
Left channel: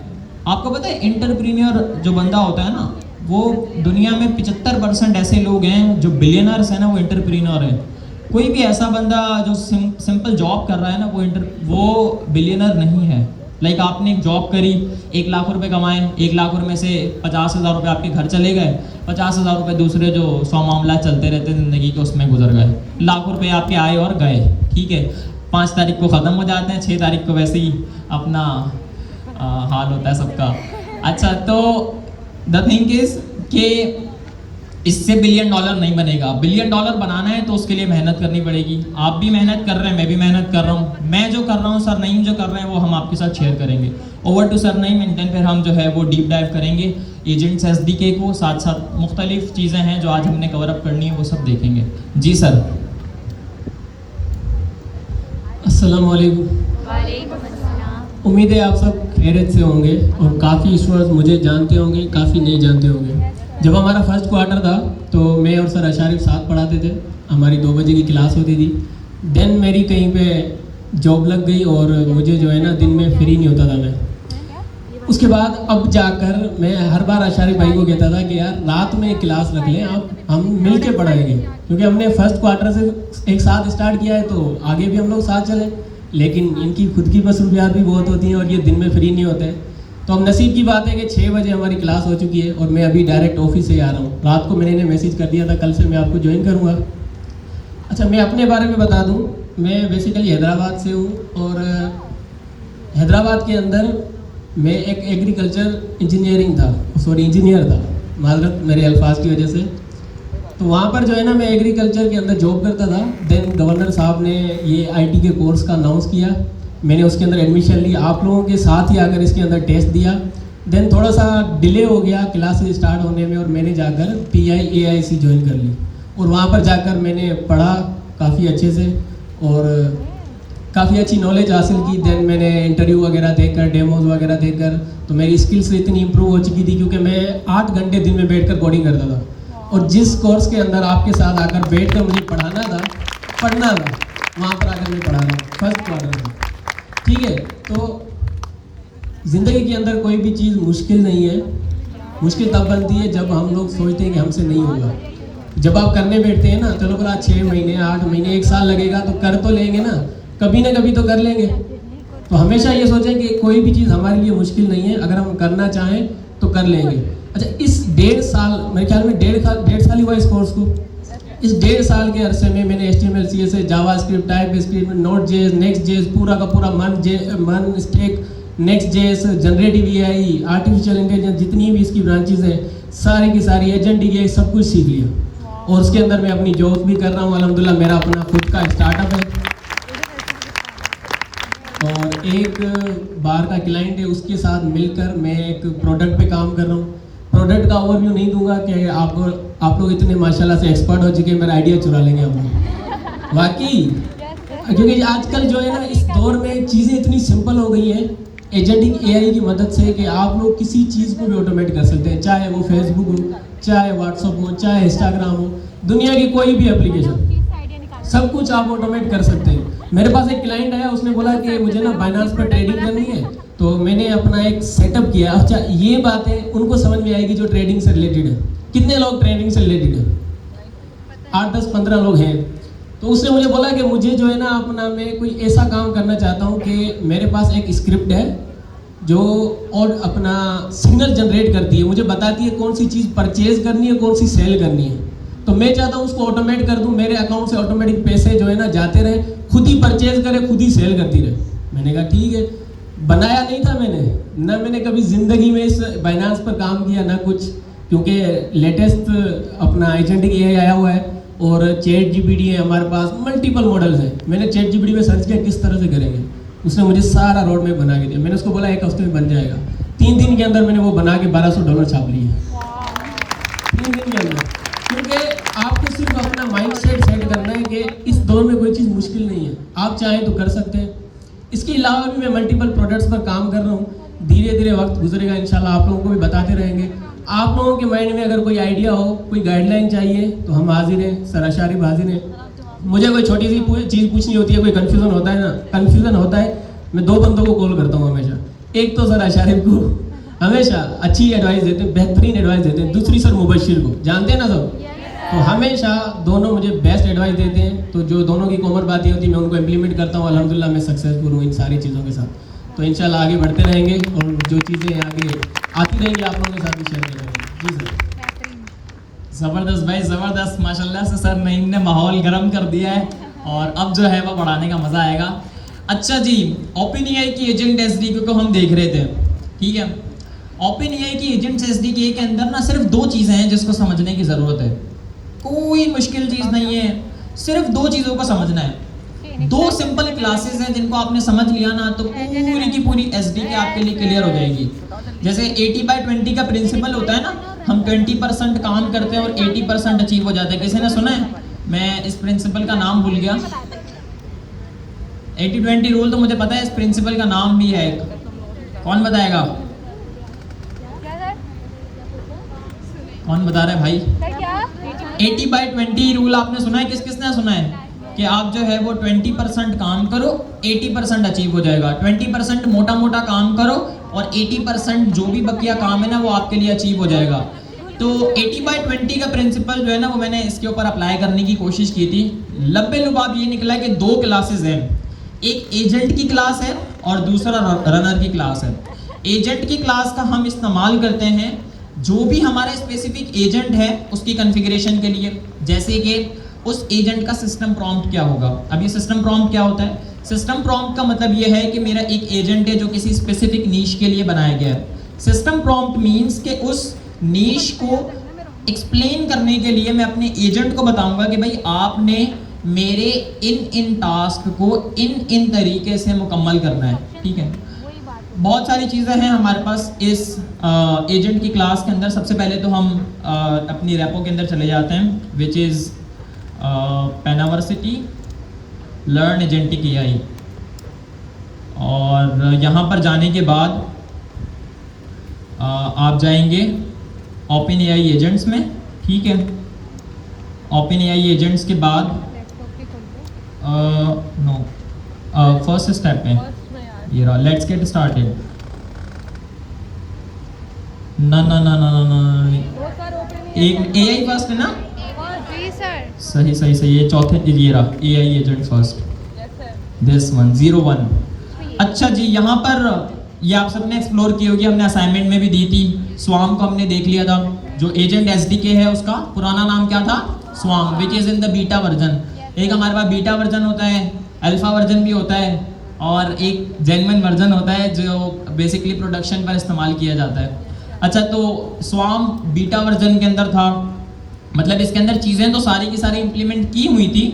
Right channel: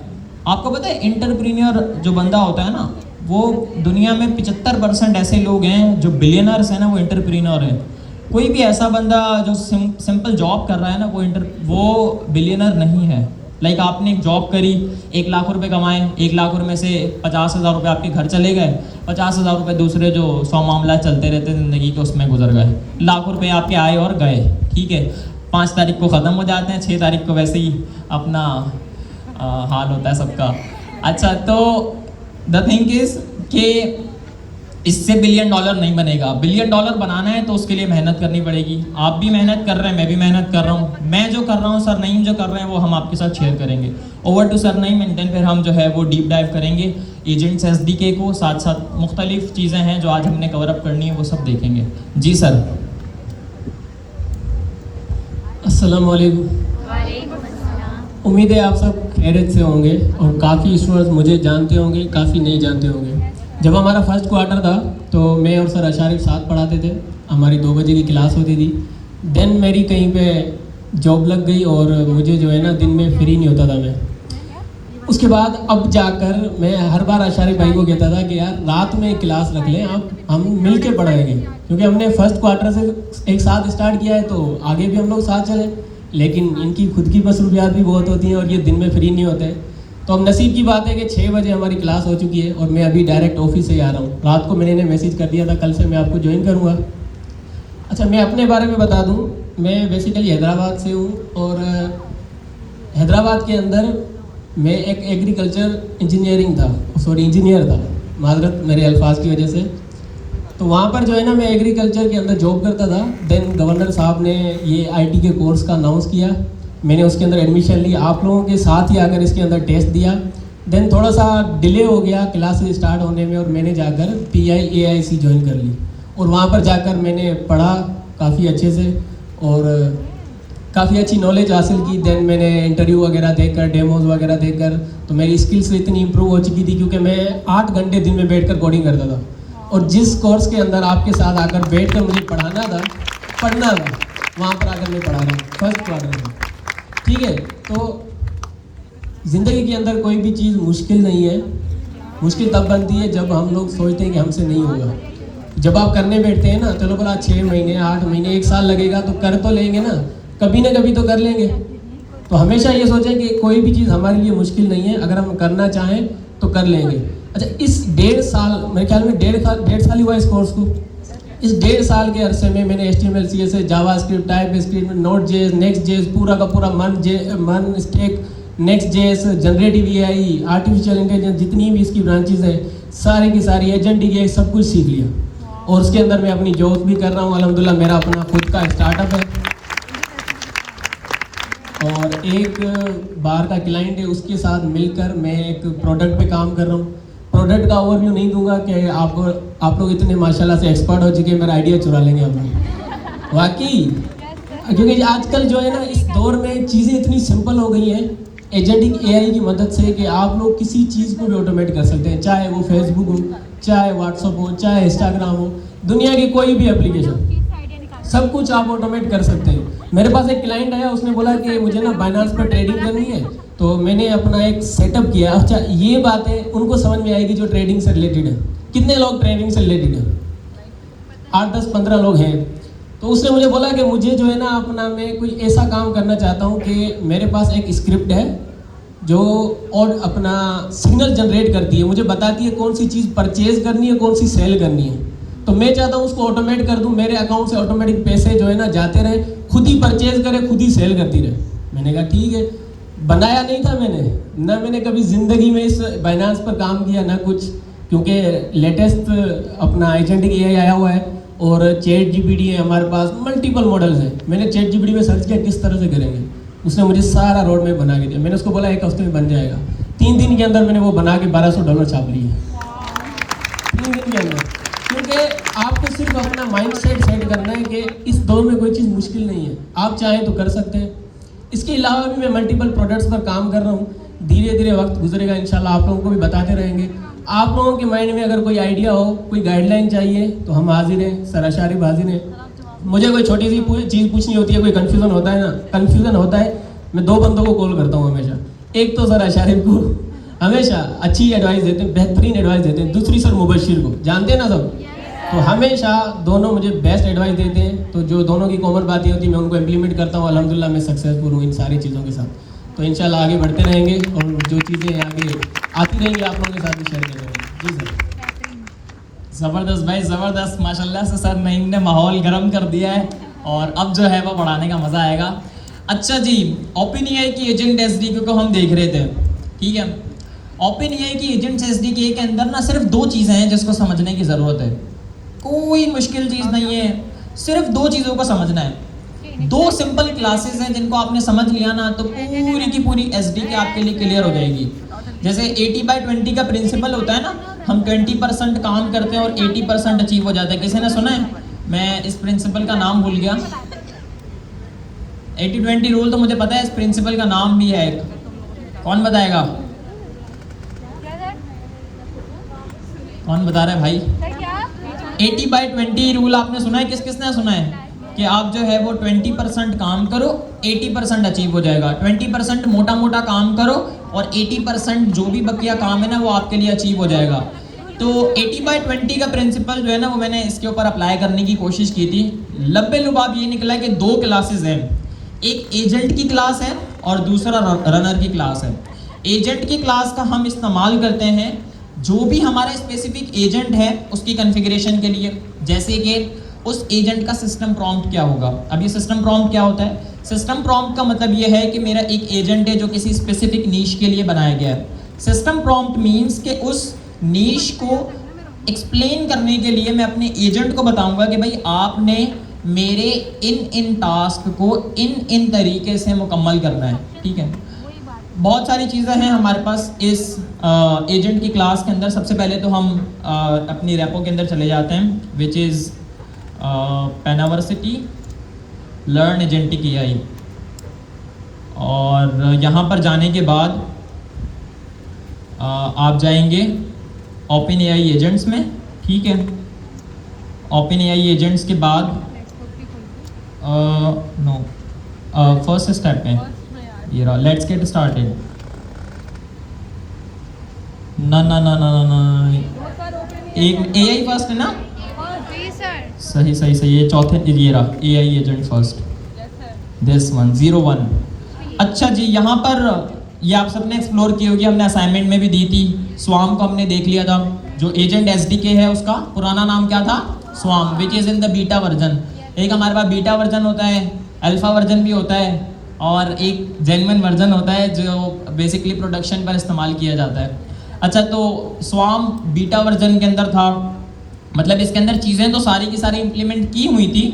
आपको पता है इंटरप्रीनियर जो बंदा होता है ना, वो दुनिया में 75% ऐसे लोग हैं जो बिलियनर्स हैं ना, वो इंटरप्रीनियर है। कोई भी ऐसा बंदा जो सिंपल जॉब कर रहा है ना वो बिलियनर नहीं है। लाइक आपने एक जॉब करी, 1 लाख रुपए कमाए, 1 लाख रुपए से 50,000 रुपये आपके घर चले गए, 50,000 रुपये दूसरे जो 100 मामला चलते रहते ज़िंदगी के उसमें गुजर गए, लाख रुपए आपके आए और गए। ठीक है, 5 तारीख को ख़त्म हो जाते हैं, 6 तारीख को वैसे ही अपना हाल होता है सबका। अच्छा, तो द थिंग इज़ कि इससे $1 बिलियन नहीं बनेगा। $1 बिलियन बनाना है तो उसके लिए मेहनत करनी पड़ेगी। आप भी मेहनत कर रहे हैं, मैं भी मेहनत कर रहा हूँ। मैं जो कर रहा हूँ, सर नईम जो कर रहे हैं, वो हम आपके साथ शेयर करेंगे। Over to sir Naeem and then फिर हम जो है वो डीप डाइव करेंगे एजेंट्स SDK को, साथ साथ मुख्तलिफ चीज़ें हैं जो आज हमने कवर अप करनी है, वो सब देखेंगे। जी सर। अस्सलाम वालेकुम। उम्मीद है आप सब खैरियत से होंगे और काफ़ी स्टूडेंट्स मुझे जानते होंगे, काफ़ी नहीं जानते होंगे। जब हमारा फर्स्ट क्वार्टर था तो मैं और सर अशारिफ साथ पढ़ाते थे, हमारी 2 बजे की क्लास होती थी। देन मेरी कहीं पे जॉब लग गई और मुझे जो है ना दिन में फ्री नहीं होता था मैं। उसके बाद अब जाकर मैं हर बार अशारिफ भाई को कहता था कि यार रात में एक क्लास रख लें, आप हम मिल के पढ़ाएंगे, क्योंकि हमने फर्स्ट क्वार्टर से एक साथ स्टार्ट किया है तो आगे भी हम लोग साथ चलें। लेकिन इनकी खुद की मसरूफियात भी बहुत होती हैं और ये दिन में फ्री नहीं होते। तो अब नसीब की बात है कि 6 बजे हमारी क्लास हो चुकी है और मैं अभी डायरेक्ट ऑफिस से ही आ रहा हूँ। रात को मैंने इन्हें मैसेज कर दिया था कल से मैं आपको ज्वाइन करूँगा। अच्छा, मैं अपने बारे में बता दूँ, मैं बेसिकली हैदराबाद से हूँ और हैदराबाद के अंदर मैं एक एग्रीकल्चर इंजीनियर था, माजरत मेरे अल्फाज की वजह से। तो वहाँ पर जो है ना मैं एग्रीकल्चर के अंदर जॉब करता था। देन गवर्नर साहब ने ये आईटी के कोर्स का अनाउंस किया, मैंने उसके अंदर एडमिशन ली, आप लोगों के साथ ही आकर इसके अंदर टेस्ट दिया। देन थोड़ा सा डिले हो गया क्लासेस स्टार्ट होने में और मैंने जाकर PIAIC ज्वाइन कर ली और वहाँ पर जाकर मैंने पढ़ा काफ़ी अच्छे से और काफ़ी अच्छी नॉलेज हासिल की। देन मैंने इंटरव्यू वगैरह देकर, डेमोज वगैरह देकर, तो मेरी स्किल्स इतनी इंप्रूव हो चुकी थी क्योंकि मैं 8 घंटे दिन में बैठकर कोडिंग करता था। और जिस कोर्स के अंदर आपके साथ आकर बैठ कर मुझे पढ़ना था, वहाँ पर आकर मैं पढ़ा रहा फर्स्ट क्वार्टर में। ठीक है, तो ज़िंदगी के अंदर कोई भी चीज़ मुश्किल नहीं है। मुश्किल तब बनती है जब हम लोग सोचते हैं कि हमसे नहीं होगा। जब आप करने बैठते हैं ना तो लोग 6 महीने, 8 महीने, 1 साल लगेगा तो कर तो लेंगे ना, कभी ना कभी तो कर लेंगे। तो हमेशा ये सोचें कि कोई भी चीज़ हमारे लिए मुश्किल नहीं है, अगर हम करना चाहें तो कर लेंगे। अच्छा, इस 1.5 साल, मेरे ख्याल में 1.5 साल ही हुआ इस कोर्स को। इस 1.5 साल के अरसे में मैंने HTML, CSS, JavaScript, TypeScript, Node.js, Next.js, पूरा का पूरा मन stack, Next.js, generative AI, artificial intelligence, जितनी भी इसकी ब्रांचेस हैं सारी की सारी, एजेंटिक AI, सब कुछ सीख लिया। और उसके अंदर मैं अपनी जॉब भी कर रहा हूँ अल्हम्दुलिल्लाह, मेरा अपना खुद का स्टार्टअप है और एक बाहर का क्लाइंट है, उसके साथ मिलकर मैं एक प्रोडक्ट पे काम कर रहा हूँ। प्रोडक्ट का ओवरव्यू नहीं दूंगा कि आप लोग इतने माशाल्लाह से एक्सपर्ट हो चुके हैं, मेरा आइडिया चुरा लेंगे आप लोग वाकई। क्योंकि आजकल जो है ना इस दौर में चीज़ें इतनी सिंपल हो गई हैं एजेंटिक AI की मदद से कि आप लोग किसी चीज़ को भी ऑटोमेट कर सकते हैं, चाहे वो फेसबुक हो, चाहे व्हाट्सअप हो, चाहे इंस्टाग्राम हो, दुनिया की कोई भी एप्लीकेशन, सब कुछ आप ऑटोमेट कर सकते हैं। मेरे पास एक क्लाइंट आया, उसने बोला कि मुझे ना बाइनांस पर ट्रेडिंग करनी है, तो मैंने अपना एक सेटअप किया। अच्छा, ये बातें उनको समझ में आएगी जो ट्रेडिंग से रिलेटेड है। कितने लोग ट्रेडिंग से रिलेटेड हैं? 8, 10, 15 लोग हैं। तो उसने मुझे बोला कि मुझे जो है ना अपना मैं कोई ऐसा काम करना चाहता हूँ कि मेरे पास एक स्क्रिप्ट है जो और अपना सिग्नल जनरेट करती है, मुझे बताती है कौन सी चीज़ परचेज करनी है, कौन सी सेल करनी है। तो मैं चाहता हूँ उसको ऑटोमेट कर दूँ, मेरे अकाउंट से ऑटोमेटिक पैसे जो है ना जाते रहे, खुद ही परचेज करे, खुद ही सेल करती रहे। मैंने कहा ठीक है। बनाया नहीं था मैंने कभी ज़िंदगी में इस बाइनांस पर काम किया ना कुछ, क्योंकि लेटेस्ट अपना एजेंटिक AI आया हुआ है और ChatGPT है हमारे पास, मल्टीपल मॉडल्स हैं। मैंने ChatGPT में सर्च किया किस तरह से करेंगे, उसने मुझे सारा रोड मैप बना के दिया। मैंने उसको बोला 1 हफ्ते में बन जाएगा, 3 दिन के अंदर मैंने वो बना के $1200 छाप लिया 3 दिन के अंदर। क्योंकि आपको सिर्फ अपना माइंड सेट करना है कि इस दौर में कोई चीज़ मुश्किल नहीं है, आप चाहें तो कर सकते हैं। इसके अलावा भी मैं मल्टीपल प्रोडक्ट्स पर काम कर रहा हूँ। धीरे धीरे वक्त गुजरेगा, इंशाल्लाह आप लोगों को भी बताते रहेंगे। आप लोगों के माइंड में अगर कोई आइडिया हो, कोई गाइडलाइन चाहिए तो हम हाजिर हैं, सर अशारिफ हाजिर हैं। मुझे कोई छोटी सी चीज़ पूछनी होती है, कोई कन्फ्यूज़न होता है, मैं 2 बंदों को कॉल करता हूँ हमेशा। एक तो सर अशारिफ को हमेशा अच्छी एडवाइस देते हैं, बेहतरीन एडवाइस देते हैं। दूसरी सर मुबशिर को, जानते हैं ना सब, तो हमेशा दोनों मुझे बेस्ट एडवाइस देते हैं। तो जो दोनों की कॉमन बातें होती हैं मैं उनको इम्प्लीमेंट करता हूँ। अल्हम्दुलिल्लाह मैं सक्सेसफुल हूँ इन सारी चीज़ों के साथ। तो इंशाल्लाह आगे बढ़ते रहेंगे और जो चीज़ें आगे आती रहेंगी आप लोगों के साथ भी शेयर करेंगे। जी सर। ज़बरदस्त भाई, ज़बरदस्त, माशाल्लाह से सर नईम ने माहौल गर्म कर दिया है और अब जो है वो बढ़ाने का मज़ा आएगा। अच्छा जी, OpenAI की एजेंट SDK को हम देख रहे थे, ठीक है। OpenAI की एजेंट SDK के अंदर ना सिर्फ 2 चीज़ें हैं जिसको समझने की ज़रूरत है। कोई मुश्किल चीज़ नहीं है, सिर्फ 2 चीज़ों को समझना है। 2 सिंपल क्लासेस हैं जिनको आपने समझ लिया ना तो पूरी की पूरी SDK आपके लिए क्लियर हो जाएगी। जैसे 80/20 का प्रिंसिपल होता है ना, हम 20% काम करते हैं और 80% अचीव हो जाता है। किसी ने सुना है? मैं इस प्रिंसिपल का नाम भूल गया। 80-20 रूल तो मुझे पता है, इस प्रिंसिपल का नाम भी है एक, कौन बताएगा? कौन बता रहा है भाई? 80/20 रूल आपने सुना है? किस किसने सुना है कि आप जो है वो 20% काम करो, 80% अचीव हो जाएगा। 20% मोटा मोटा काम करो और 80% जो भी बकिया काम है ना वो आपके लिए अचीव हो जाएगा। तो 80/20 का प्रिंसिपल जो है ना वो मैंने इसके ऊपर अप्लाई करने की कोशिश की थी। लब्बे लुबाब ये निकला कि 2 क्लासेस हैं, एक एजेंट की क्लास है और दूसरा रनर की क्लास है। एजेंट की क्लास का हम इस्तेमाल करते हैं जो भी हमारा स्पेसिफिक एजेंट है उसकी कॉन्फ़िगरेशन के लिए, जैसे कि उस एजेंट का सिस्टम प्रॉम्प्ट क्या होगा। अभी सिस्टम प्रॉम्प्ट क्या होता है? सिस्टम प्रॉम्प्ट का मतलब ये है कि मेरा एक एजेंट है जो किसी स्पेसिफिक नीश के लिए बनाया गया है। सिस्टम प्रॉम्प्ट मींस कि उस नीश को एक्सप्लेन करने के लिए मैं अपने एजेंट को बताऊंगा कि भाई आपने मेरे इन टास्क को इन तरीके से मुकम्मल करना है, ठीक है। बहुत सारी चीज़ें हैं हमारे पास इस एजेंट की क्लास के अंदर। सबसे पहले तो हम अपनी रेपो के अंदर चले जाते हैं, which is Panaversity learn agentic AI. और यहाँ पर जाने के बाद आप जाएंगे ओपन एआई एजेंट्स में, ठीक है। ओपन एआई एजेंट्स के बाद फर्स्ट स्टेप में ये रहा, लेट्स गेट स्टार्टेड। ना एक एआई फर्स्ट है ना? सही सही सही, ये चौथे ये रहा AI agent first, this one 01। अच्छा जी, यहाँ पर ये आप सबने एक्सप्लोर की होगी, हमने असाइनमेंट में भी दी थी। स्वाम को हमने देख लिया था, जो एजेंट एसडीके है उसका पुराना नाम क्या था? Swarm, which is in the beta version. एक हमारे पास बीटा वर्जन होता है, अल्फा वर्जन भी होता है और एक जेन्युइन वर्जन होता है जो बेसिकली प्रोडक्शन पर इस्तेमाल किया जाता है। अच्छा, तो स्वाम बीटा वर्जन के अंदर था, मतलब इसके अंदर चीज़ें तो सारी की सारी इंप्लीमेंट की हुई थी,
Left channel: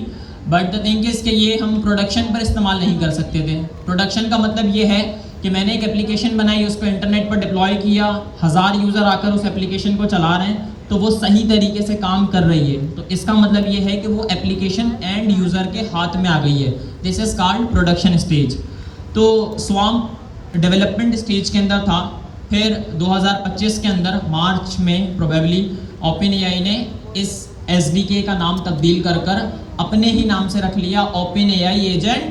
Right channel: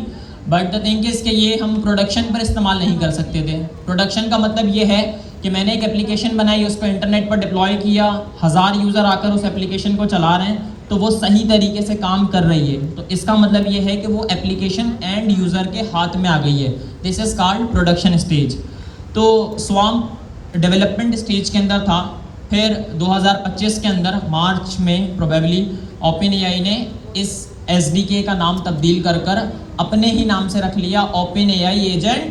बट द थिंग इज कि ये हम प्रोडक्शन पर इस्तेमाल नहीं कर सकते थे। प्रोडक्शन का मतलब ये है कि मैंने एक एप्लीकेशन बनाई, उसको इंटरनेट पर डिप्लॉय किया, 1000 यूज़र आकर उस एप्लीकेशन को चला रहे हैं तो वो सही तरीके से काम कर रही है, तो इसका मतलब ये है कि वो एप्लीकेशन एंड यूज़र के हाथ में आ गई है। This is called production stage. तो स्वाम डेवलपमेंट स्टेज के अंदर था। फिर 2025 के अंदर मार्च में प्रोबेबली ओपन एआई ने इस एसडीके का नाम तब्दील कर अपने ही नाम से रख लिया, open AI agent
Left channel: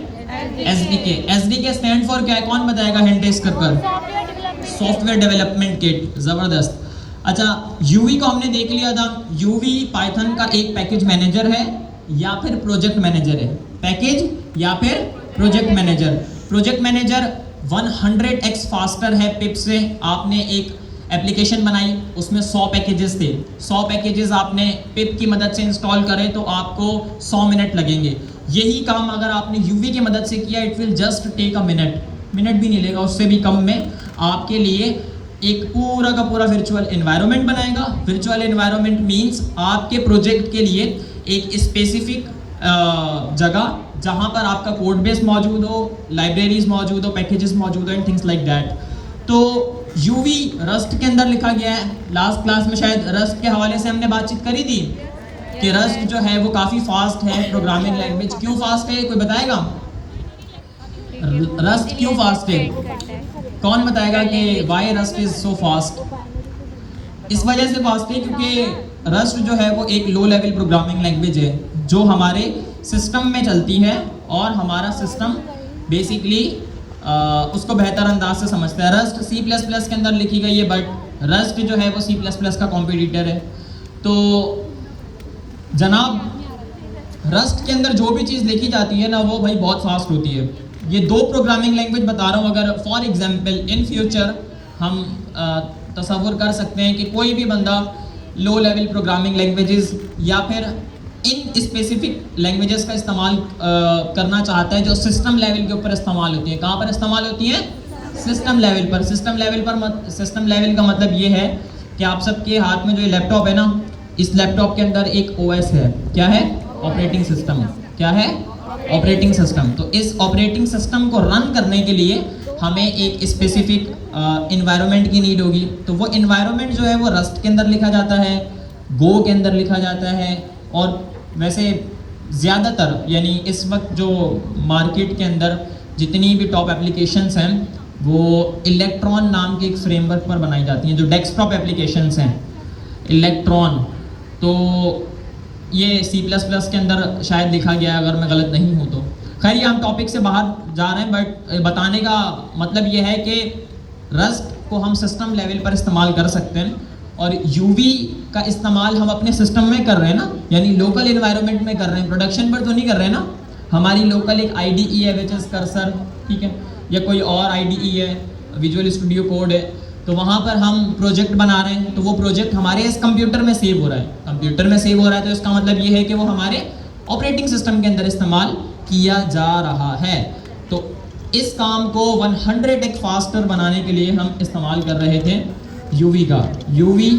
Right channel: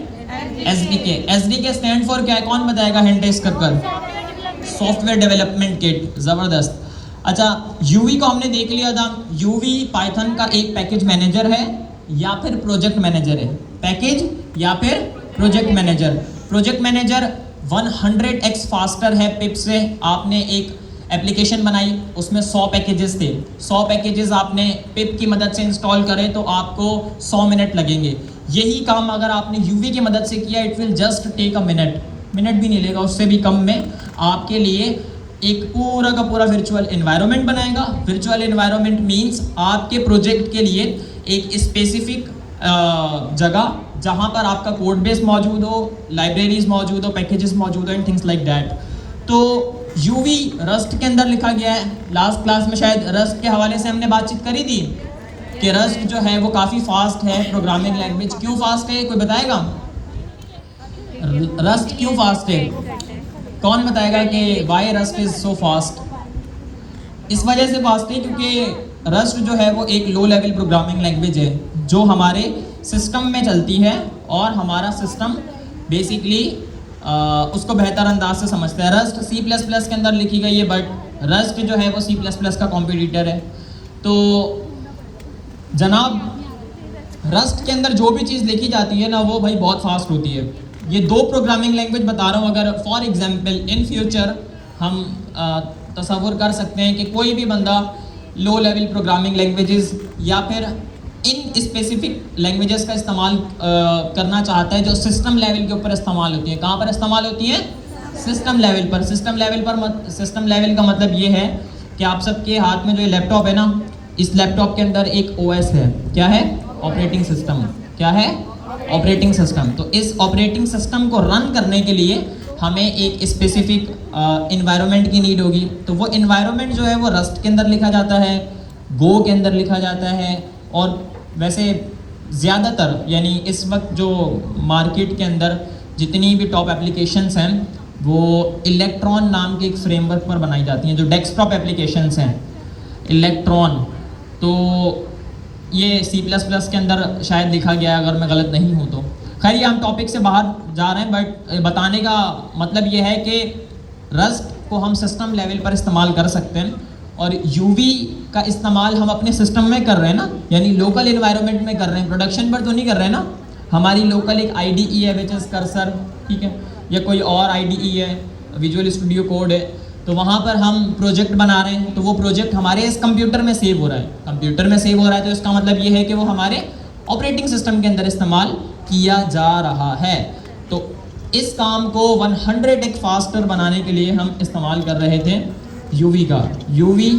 SDK. SDK stand for क्या है, कौन बताएगा? हिंट इसके ऊपर, सॉफ्टवेयर डेवलपमेंट किट। जबरदस्त। अच्छा, यूवी को हमने देख लिया था। यूवी पाइथन का एक पैकेज मैनेजर है या फिर प्रोजेक्ट मैनेजर है। पैकेज या फिर project manager. Project manager 100x faster है पिप से। आपने एक एप्लीकेशन बनाई, उसमें 100 पैकेजेस थे। 100 पैकेजेस आपने पिप की मदद से इंस्टॉल करें तो आपको 100 मिनट लगेंगे। यही काम अगर आपने यूवी की मदद से किया, it will just take a minute भी नहीं लेगा, उससे भी कम में आपके लिए एक पूरा का पूरा वर्चुअल एनवायरनमेंट बनाएगा। वर्चुअल एनवायरनमेंट मींस आपके प्रोजेक्ट के लिए एक स्पेसिफिक जगह जहां पर आपका कोड बेस मौजूद हो, लाइब्रेरीज मौजूद हो, पैकेजेस मौजूद हो एंड थिंग्स लाइक दैट। तो यूवी रस्ट के अंदर लिखा गया है। लास्ट क्लास में शायद रस्ट के हवाले से हमने बातचीत करी थी कि रस्ट जो है वो काफ़ी फास्ट है प्रोग्रामिंग लैंग्वेज। क्यों फास्ट है, कोई बताएगा? रस्ट क्यों फास्ट है? कौन बताएगा कि why Rust is so fast? इस वजह से फास्ट है क्योंकि रस्ट जो है वो एक लो लेवल प्रोग्रामिंग लैंग्वेज है जो हमारे सिस्टम में चलती है और हमारा सिस्टम बेसिकली उसको बेहतर अंदाज से समझता है। रस्ट C++ के अंदर लिखी गई है, बट रस्ट जो है वो C++ का कॉम्पिटिटर है। तो जनाब, रस्ट के अंदर जो भी चीज़ लिखी जाती है ना वो भाई बहुत फास्ट होती है। ये 2 प्रोग्रामिंग लैंग्वेज बता रहा हूँ। अगर फॉर एग्जांपल इन फ्यूचर हम तसव्वुर कर सकते हैं कि कोई भी बंदा लो लेवल प्रोग्रामिंग लैंग्वेजेस या फिर इन स्पेसिफिक लैंग्वेजेस का इस्तेमाल करना चाहता है जो सिस्टम लेवल के ऊपर इस्तेमाल होती है। कहाँ पर इस्तेमाल होती है? सिस्टम लेवल पर। सिस्टम लेवल का मतलब ये है कि आप सबके हाथ में जो ये लैपटॉप है ना, इस लैपटॉप के अंदर एक OS है। क्या है? Operating system. क्या है? Operating system. तो इस ऑपरेटिंग सिस्टम को रन करने के लिए हमें एक स्पेसिफिक इन्वायरमेंट की नीड होगी। तो वो इन्वायरमेंट जो है वो रस्ट के अंदर लिखा जाता है, गो के अंदर लिखा जाता है, और वैसे ज़्यादातर यानी इस वक्त जो मार्केट के अंदर जितनी भी टॉप एप्लीकेशंस हैं वो इलेक्ट्रॉन नाम के एक फ्रेमवर्क पर बनाई जाती हैं, जो डेस्कटॉप एप्लीकेशंस हैं इलेक्ट्रॉन। तो ये C++ के अंदर शायद लिखा गया है, अगर मैं गलत नहीं हूँ तो। खैर ये हम टॉपिक से बाहर जा रहे हैं, बट बताने का मतलब ये है कि रस्ट को हम सिस्टम लेवल पर इस्तेमाल कर सकते हैं, और यूवी का इस्तेमाल हम अपने सिस्टम में कर रहे हैं ना, यानी लोकल एनवायरनमेंट में कर रहे हैं, प्रोडक्शन पर तो नहीं कर रहे हैं ना। हमारी लोकल एक IDE है विच इज़ कर्सर, ठीक है, या कोई और IDE है, विजुअल स्टूडियो कोड है, तो वहाँ पर हम प्रोजेक्ट बना रहे हैं, तो वो प्रोजेक्ट हमारे इस कंप्यूटर में सेव हो रहा है। कंप्यूटर में सेव हो रहा है तो इसका मतलब ये है कि वो हमारे ऑपरेटिंग सिस्टम के अंदर इस्तेमाल किया जा रहा है। तो इस काम को 100x फास्टर बनाने के लिए हम इस्तेमाल कर रहे थे यूवी का। यूवी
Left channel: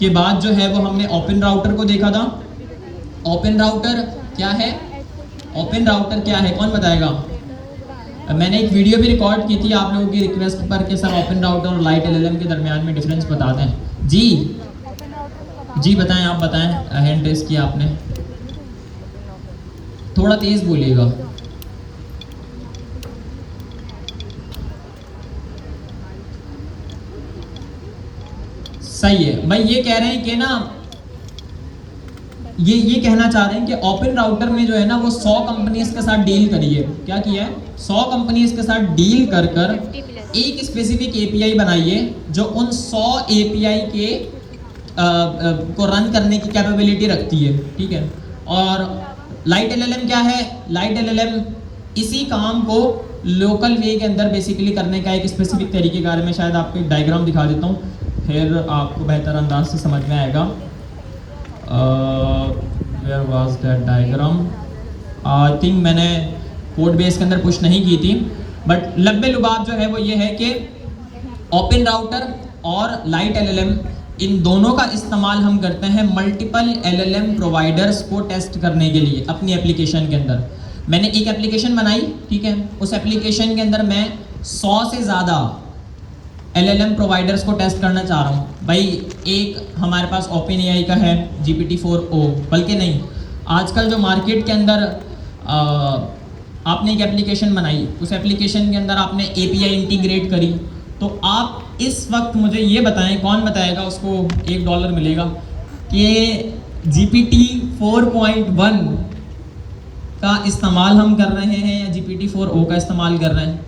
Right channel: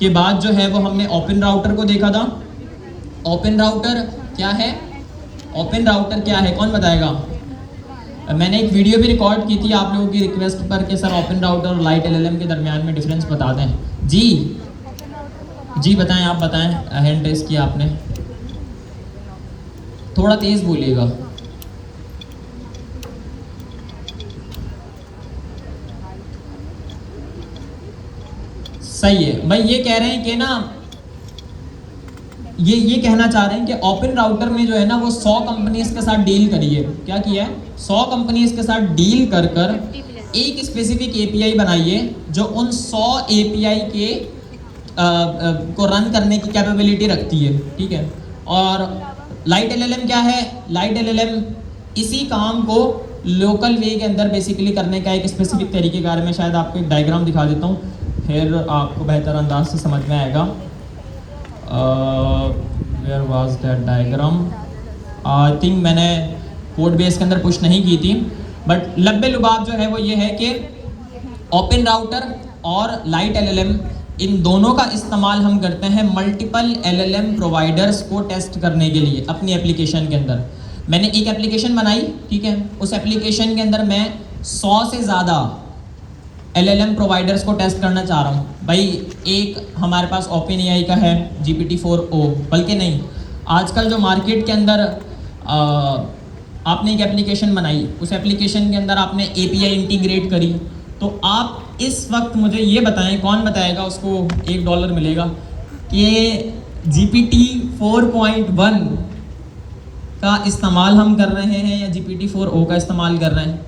के बाद जो है वो हमने ओपन राउटर को देखा था। ओपन राउटर क्या है? ओपन राउटर क्या है, कौन बताएगा? मैंने एक वीडियो भी रिकॉर्ड की थी आप लोगों की रिक्वेस्ट पर कि सर ओपन राउटर और लाइट LLM के दरमियान में डिफरेंस बता दें। जी बताएं, आप बताएं, हैंड रेस किया आपने, थोड़ा तेज बोलिएगा। सही है भाई, ये कह रहे हैं कि ना, ये कहना चाह रहे हैं कि ओपन राउटर ने जो है ना वो 100 कंपनीज के साथ डील करी है। क्या किया है? 100 कंपनीज के साथ डील कर एक स्पेसिफिक API बनाई है जो उन 100 API के को रन करने की कैपेबिलिटी रखती है, ठीक है। और लाइट LLM क्या है? लाइट LLM इसी काम को लोकल वे के अंदर बेसिकली करने का एक स्पेसिफिक तरीके के बारे में शायद आपको एक डायग्राम दिखा देता हूँ, फिर आपको बेहतर अंदाज से समझ में आएगा। Where was that diagram? I think मैंने कोड बेस के अंदर पुश नहीं की थी, बट लब्बे लुबाब जो है वो ये है कि ओपन राउटर और लाइट LLM इन दोनों का इस्तेमाल हम करते हैं मल्टीपल LLM प्रोवाइडर्स को टेस्ट करने के लिए अपनी एप्लीकेशन के अंदर। मैंने एक एप्लीकेशन बनाई, ठीक है, उस एप्लीकेशन के अंदर मैं 100 से ज़्यादा LLM प्रोवाइडर्स को टेस्ट करना चाह रहा हूँ। भाई एक हमारे पास OpenAI का है GPT-4o, बल्कि नहीं, आजकल जो मार्केट के अंदर आपने एक एप्लीकेशन बनाई, उस एप्लीकेशन के अंदर आपने API इंटीग्रेट करी, तो आप इस वक्त मुझे ये बताएं, कौन बताएगा उसको $1 मिलेगा, कि GPT-4.1 का इस्तेमाल हम कर रहे हैं या GPT-4o का इस्तेमाल कर रहे हैं?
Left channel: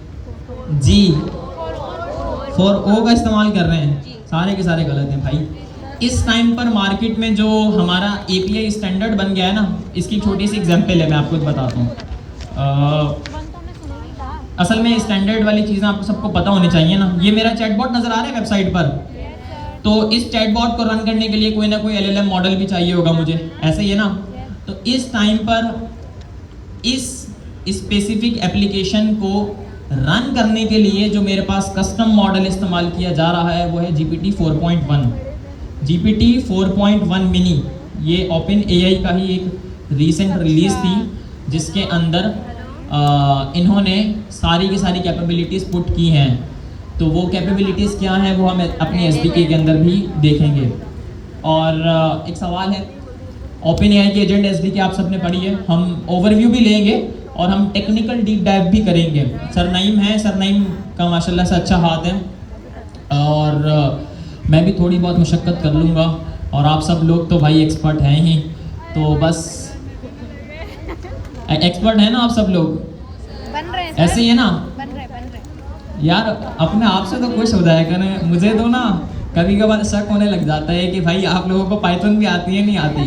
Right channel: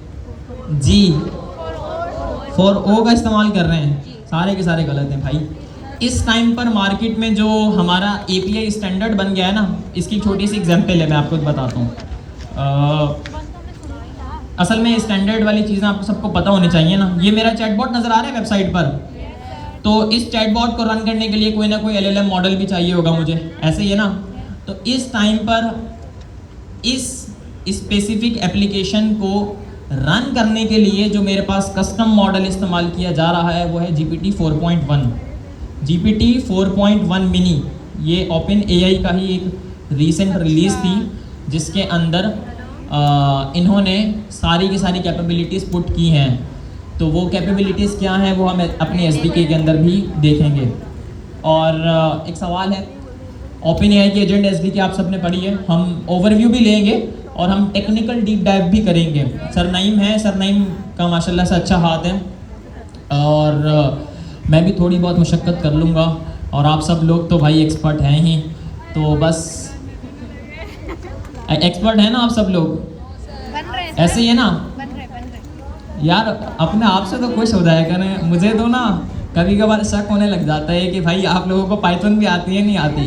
जी 4o का इस्तेमाल कर रहे हैं। सारे के सारे गलत हैं भाई। इस टाइम पर मार्केट में जो हमारा API स्टैंडर्ड बन गया है ना, इसकी छोटी सी एग्जांपल है, मैं आपको बताता हूँ। असल में स्टैंडर्ड वाली चीज़ें आपको सबको पता होनी चाहिए ना। ये मेरा चैटबॉट नज़र आ रहा है वेबसाइट पर, तो इस चैटबॉट को रन करने के लिए कोई ना कोई LLM मॉडल भी चाहिए होगा मुझे, ऐसे ही है ना। तो इस टाइम पर इस स्पेसिफिक एप्लीकेशन को रन करने के लिए जो मेरे पास कस्टम मॉडल इस्तेमाल किया जा रहा है वो है GPT-4.1। GPT-4.1 मिनी, ये OpenAI का ही एक रीसेंट रिलीज थी जिसके अंदर इन्होंने सारी की सारी कैपेबिलिटीज़ पुट की हैं। तो वो कैपेबिलिटीज़ क्या हैं वो हम अपने SDK के अंदर भी देखेंगे। और एक सवाल है, OpenAI की एजेंट SDK आप सबने पढ़ी है, हम ओवरव्यू भी लेंगे और हम टेक्निकल डीप डाइव भी करेंगे। सर नईम है, सर नईम का माशाल्लाह से अच्छा हाथ है, और मैं भी थोड़ी बहुत मशक्क़त कर लूँगा, और आप सब लोग तो भाई एक्सपर्ट हैं ही, तो बस एक्सपर्ट है ना आप सब लोग, ऐसे ही है ना यार। अपने आप से तो खुश हो जाया करें, मुझे तो ना कभी कभार शक होने लग जाता है कि भाई आप लोगों को पाइथन भी आती है नहीं आती।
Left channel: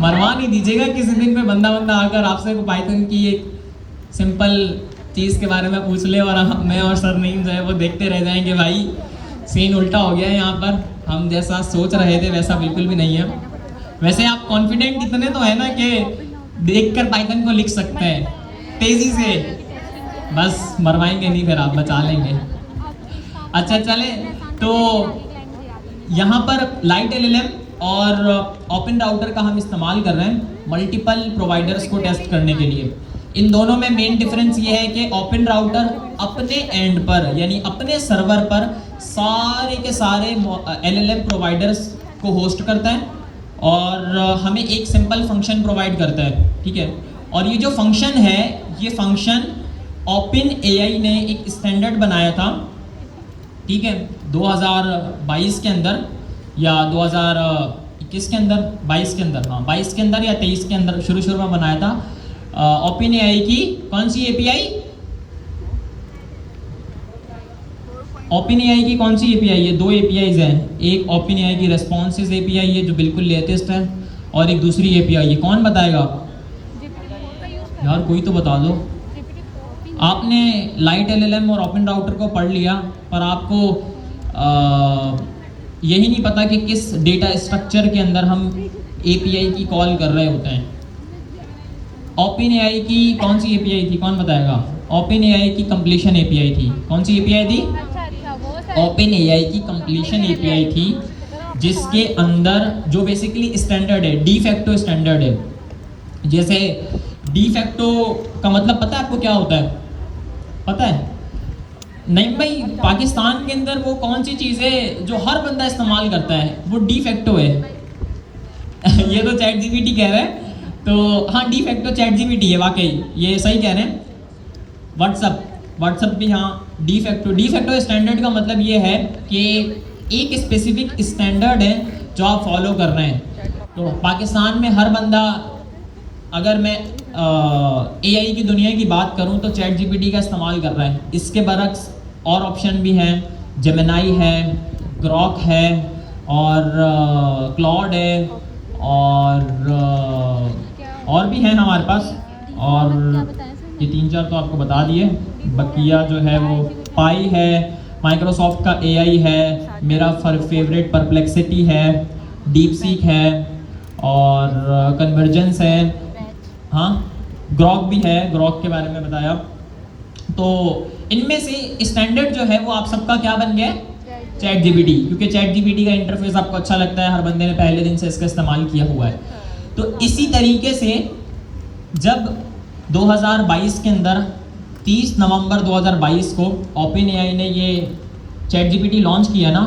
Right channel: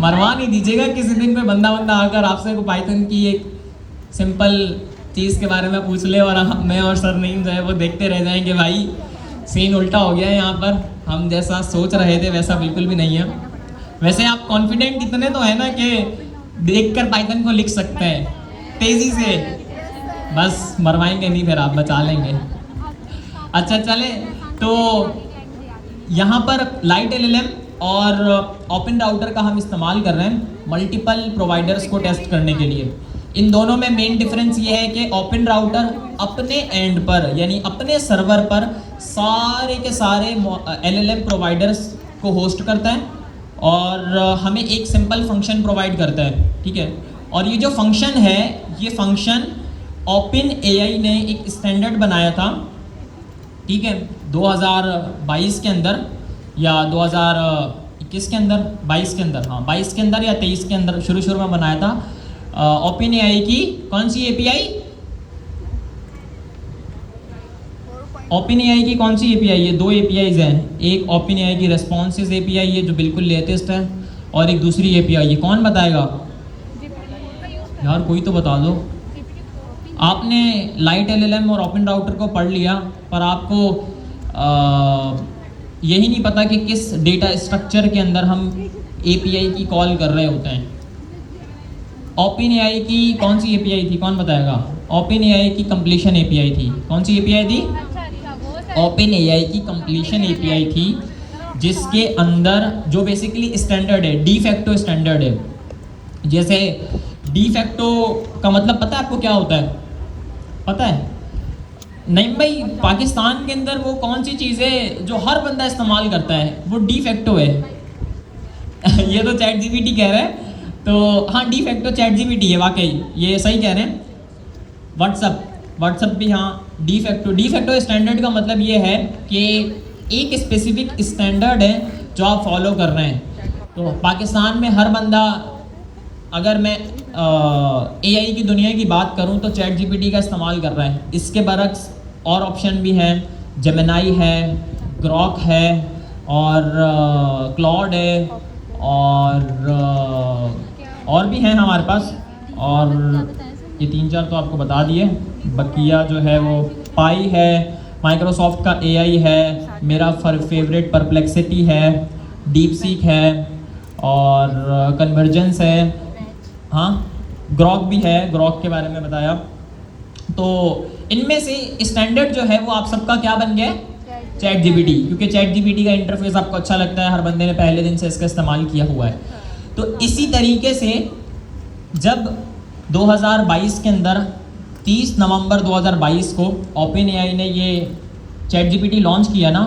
मरवा नहीं दीजिएगा किसी दिन पे बंदा आकर आपसे पाइथन की एक सिंपल चीज़ के बारे में पूछ ले, और मैं और सर नहीं जो है वो देखते रह जाएंगे। भाई सीन उल्टा हो गया है यहाँ पर, हम जैसा सोच रहे थे वैसा बिल्कुल भी नहीं है। वैसे आप कॉन्फिडेंट इतने तो है ना कि देखकर पाइथन को लिख सकते हैं तेजी से, बस मरवाएंगे नहीं, फिर आप बचा लेंगे। अच्छा चले, तो यहाँ पर लाइट LLM और ओपन राउटर का हम इस्तेमाल कर रहे हैं मल्टीपल प्रोवाइडर्स को टेस्ट करने के लिए। इन दोनों में मेन डिफरेंस ये है कि ओपन राउटर अपने एंड पर यानी अपने सर्वर पर सारे के सारे LLM प्रोवाइडर्स को होस्ट करता है और हमें एक सिंपल फंक्शन प्रोवाइड करता है, ठीक है। और ये जो फंक्शन है, ये फंक्शन ओपन एआई ने एक स्टैंडर्ड बनाया था, ठीक है, 2022 के अंदर या 2021 के अंदर, 22 के अंदर, हाँ 22 के अंदर या 23 के अंदर शुरू में बनाया था। ओपन एआई की कौन सी एपीआई, ओपन एआई की कौन सी एपीआई? ये दो एपीआईज हैं, एक ओपन एआई की रेस्पॉन्सिस एपीआई है जो बिल्कुल लेटेस्ट है, और एक दूसरी एपीआई है, कौन बताएगा यार, कोई तो बता दो। आपने लाइट एलएलएम और ओपन राउटर को पढ़ लिया, पर आपको यही नहीं पता कि किस डेटा स्ट्रक्चर के अंदर हम एपीआई की कॉल कर रहे होते हैं। ओपन एआई की कौन सी एपीआई थी, कौन बताएगा? ओपन एआई की कंप्लीशन एपीआई थी। कौन सी एपीआई थी? ओपन एआई की कंप्लीशन एपीआई थी, जिसके अंदर जो बेसिकली स्टैंडर्ड है, डी फैक्टो स्टैंडर्ड है। जैसे डी फैक्टो का मतलब पता है आपको क्या होता है? पता है? नहीं भाई, पाकिस्तान के अंदर वो कौन सी चीज़ें जो हर बंदा इस्तेमाल करता है वो डी फैक्टो है। ये तो चैट जीपीटी कह रहा है, तो हाँ डी फैक्टो चैट जीपीटी है, वाकई ये सही कह रहे हैं। व्हाट्सएप भी हाँ डी फैक्टो स्टैंडर्ड का मतलब ये है कि एक स्पेसिफिक स्टैंडर्ड है जो आप फॉलो कर रहे हैं। तो पाकिस्तान में हर बंदा, अगर मैं एआई की दुनिया की बात करूं तो चैट जीपीटी का इस्तेमाल कर रहा है। इसके बरक्स और ऑप्शन भी हैं, जेमिनाई है, ग्रॉक है, और क्लाउड है, और भी हैं हमारे पास, और ये 3-4 तो आपको बता दिए। बकिया जो है वो पाई है, माइक्रोसॉफ्ट का एआई है, मेरा फेवरेट परप्लेक्सिटी है, डीप सीक है, और कन्वर्जेंस है, हाँ ग्रॉक भी है, ग्रॉक के बारे में बताया। तो इनमें से स्टैंडर्ड जो है वो आप सबका क्या बन गया? चैट जीपीटी, क्योंकि चैट जीपीटी का इंटरफेस आपको अच्छा लगता है, हर बंदे ने पहले दिन से इसका इस्तेमाल किया हुआ है। तो इसी तरीके से जब 2022 के अंदर 30 नवंबर 2022 को ओपन एआई ने ये चैट जीपीटी लॉन्च किया ना,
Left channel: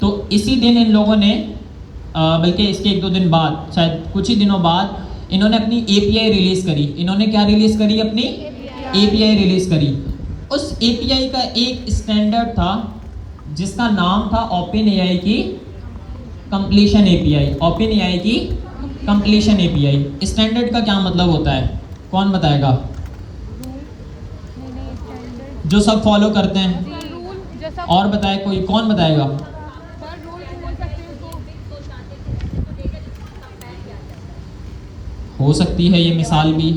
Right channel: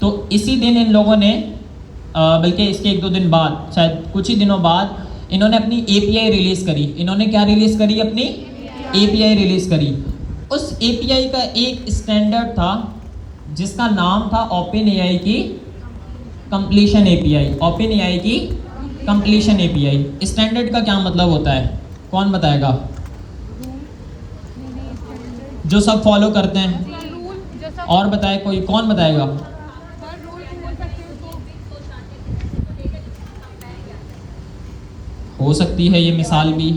तो इसी दिन इन लोगों ने, बल्कि इसके 1-2 दिन बाद, शायद कुछ ही दिनों बाद, इन्होंने अपनी एपीआई रिलीज करी। इन्होंने क्या रिलीज करी? अपनी एपीआई रिलीज करी। उस एपीआई का एक स्टैंडर्ड था जिसका नाम था ओपन एआई की कंप्लीशन एपीआई। ओपन एआई की कंप्लीशन एपीआई स्टैंडर्ड का क्या मतलब होता है, कौन बताएगा? जो सब फॉलो करते हैं, और बताए कोई, कौन बताएगा? हो सकती है ये मिसाल भी।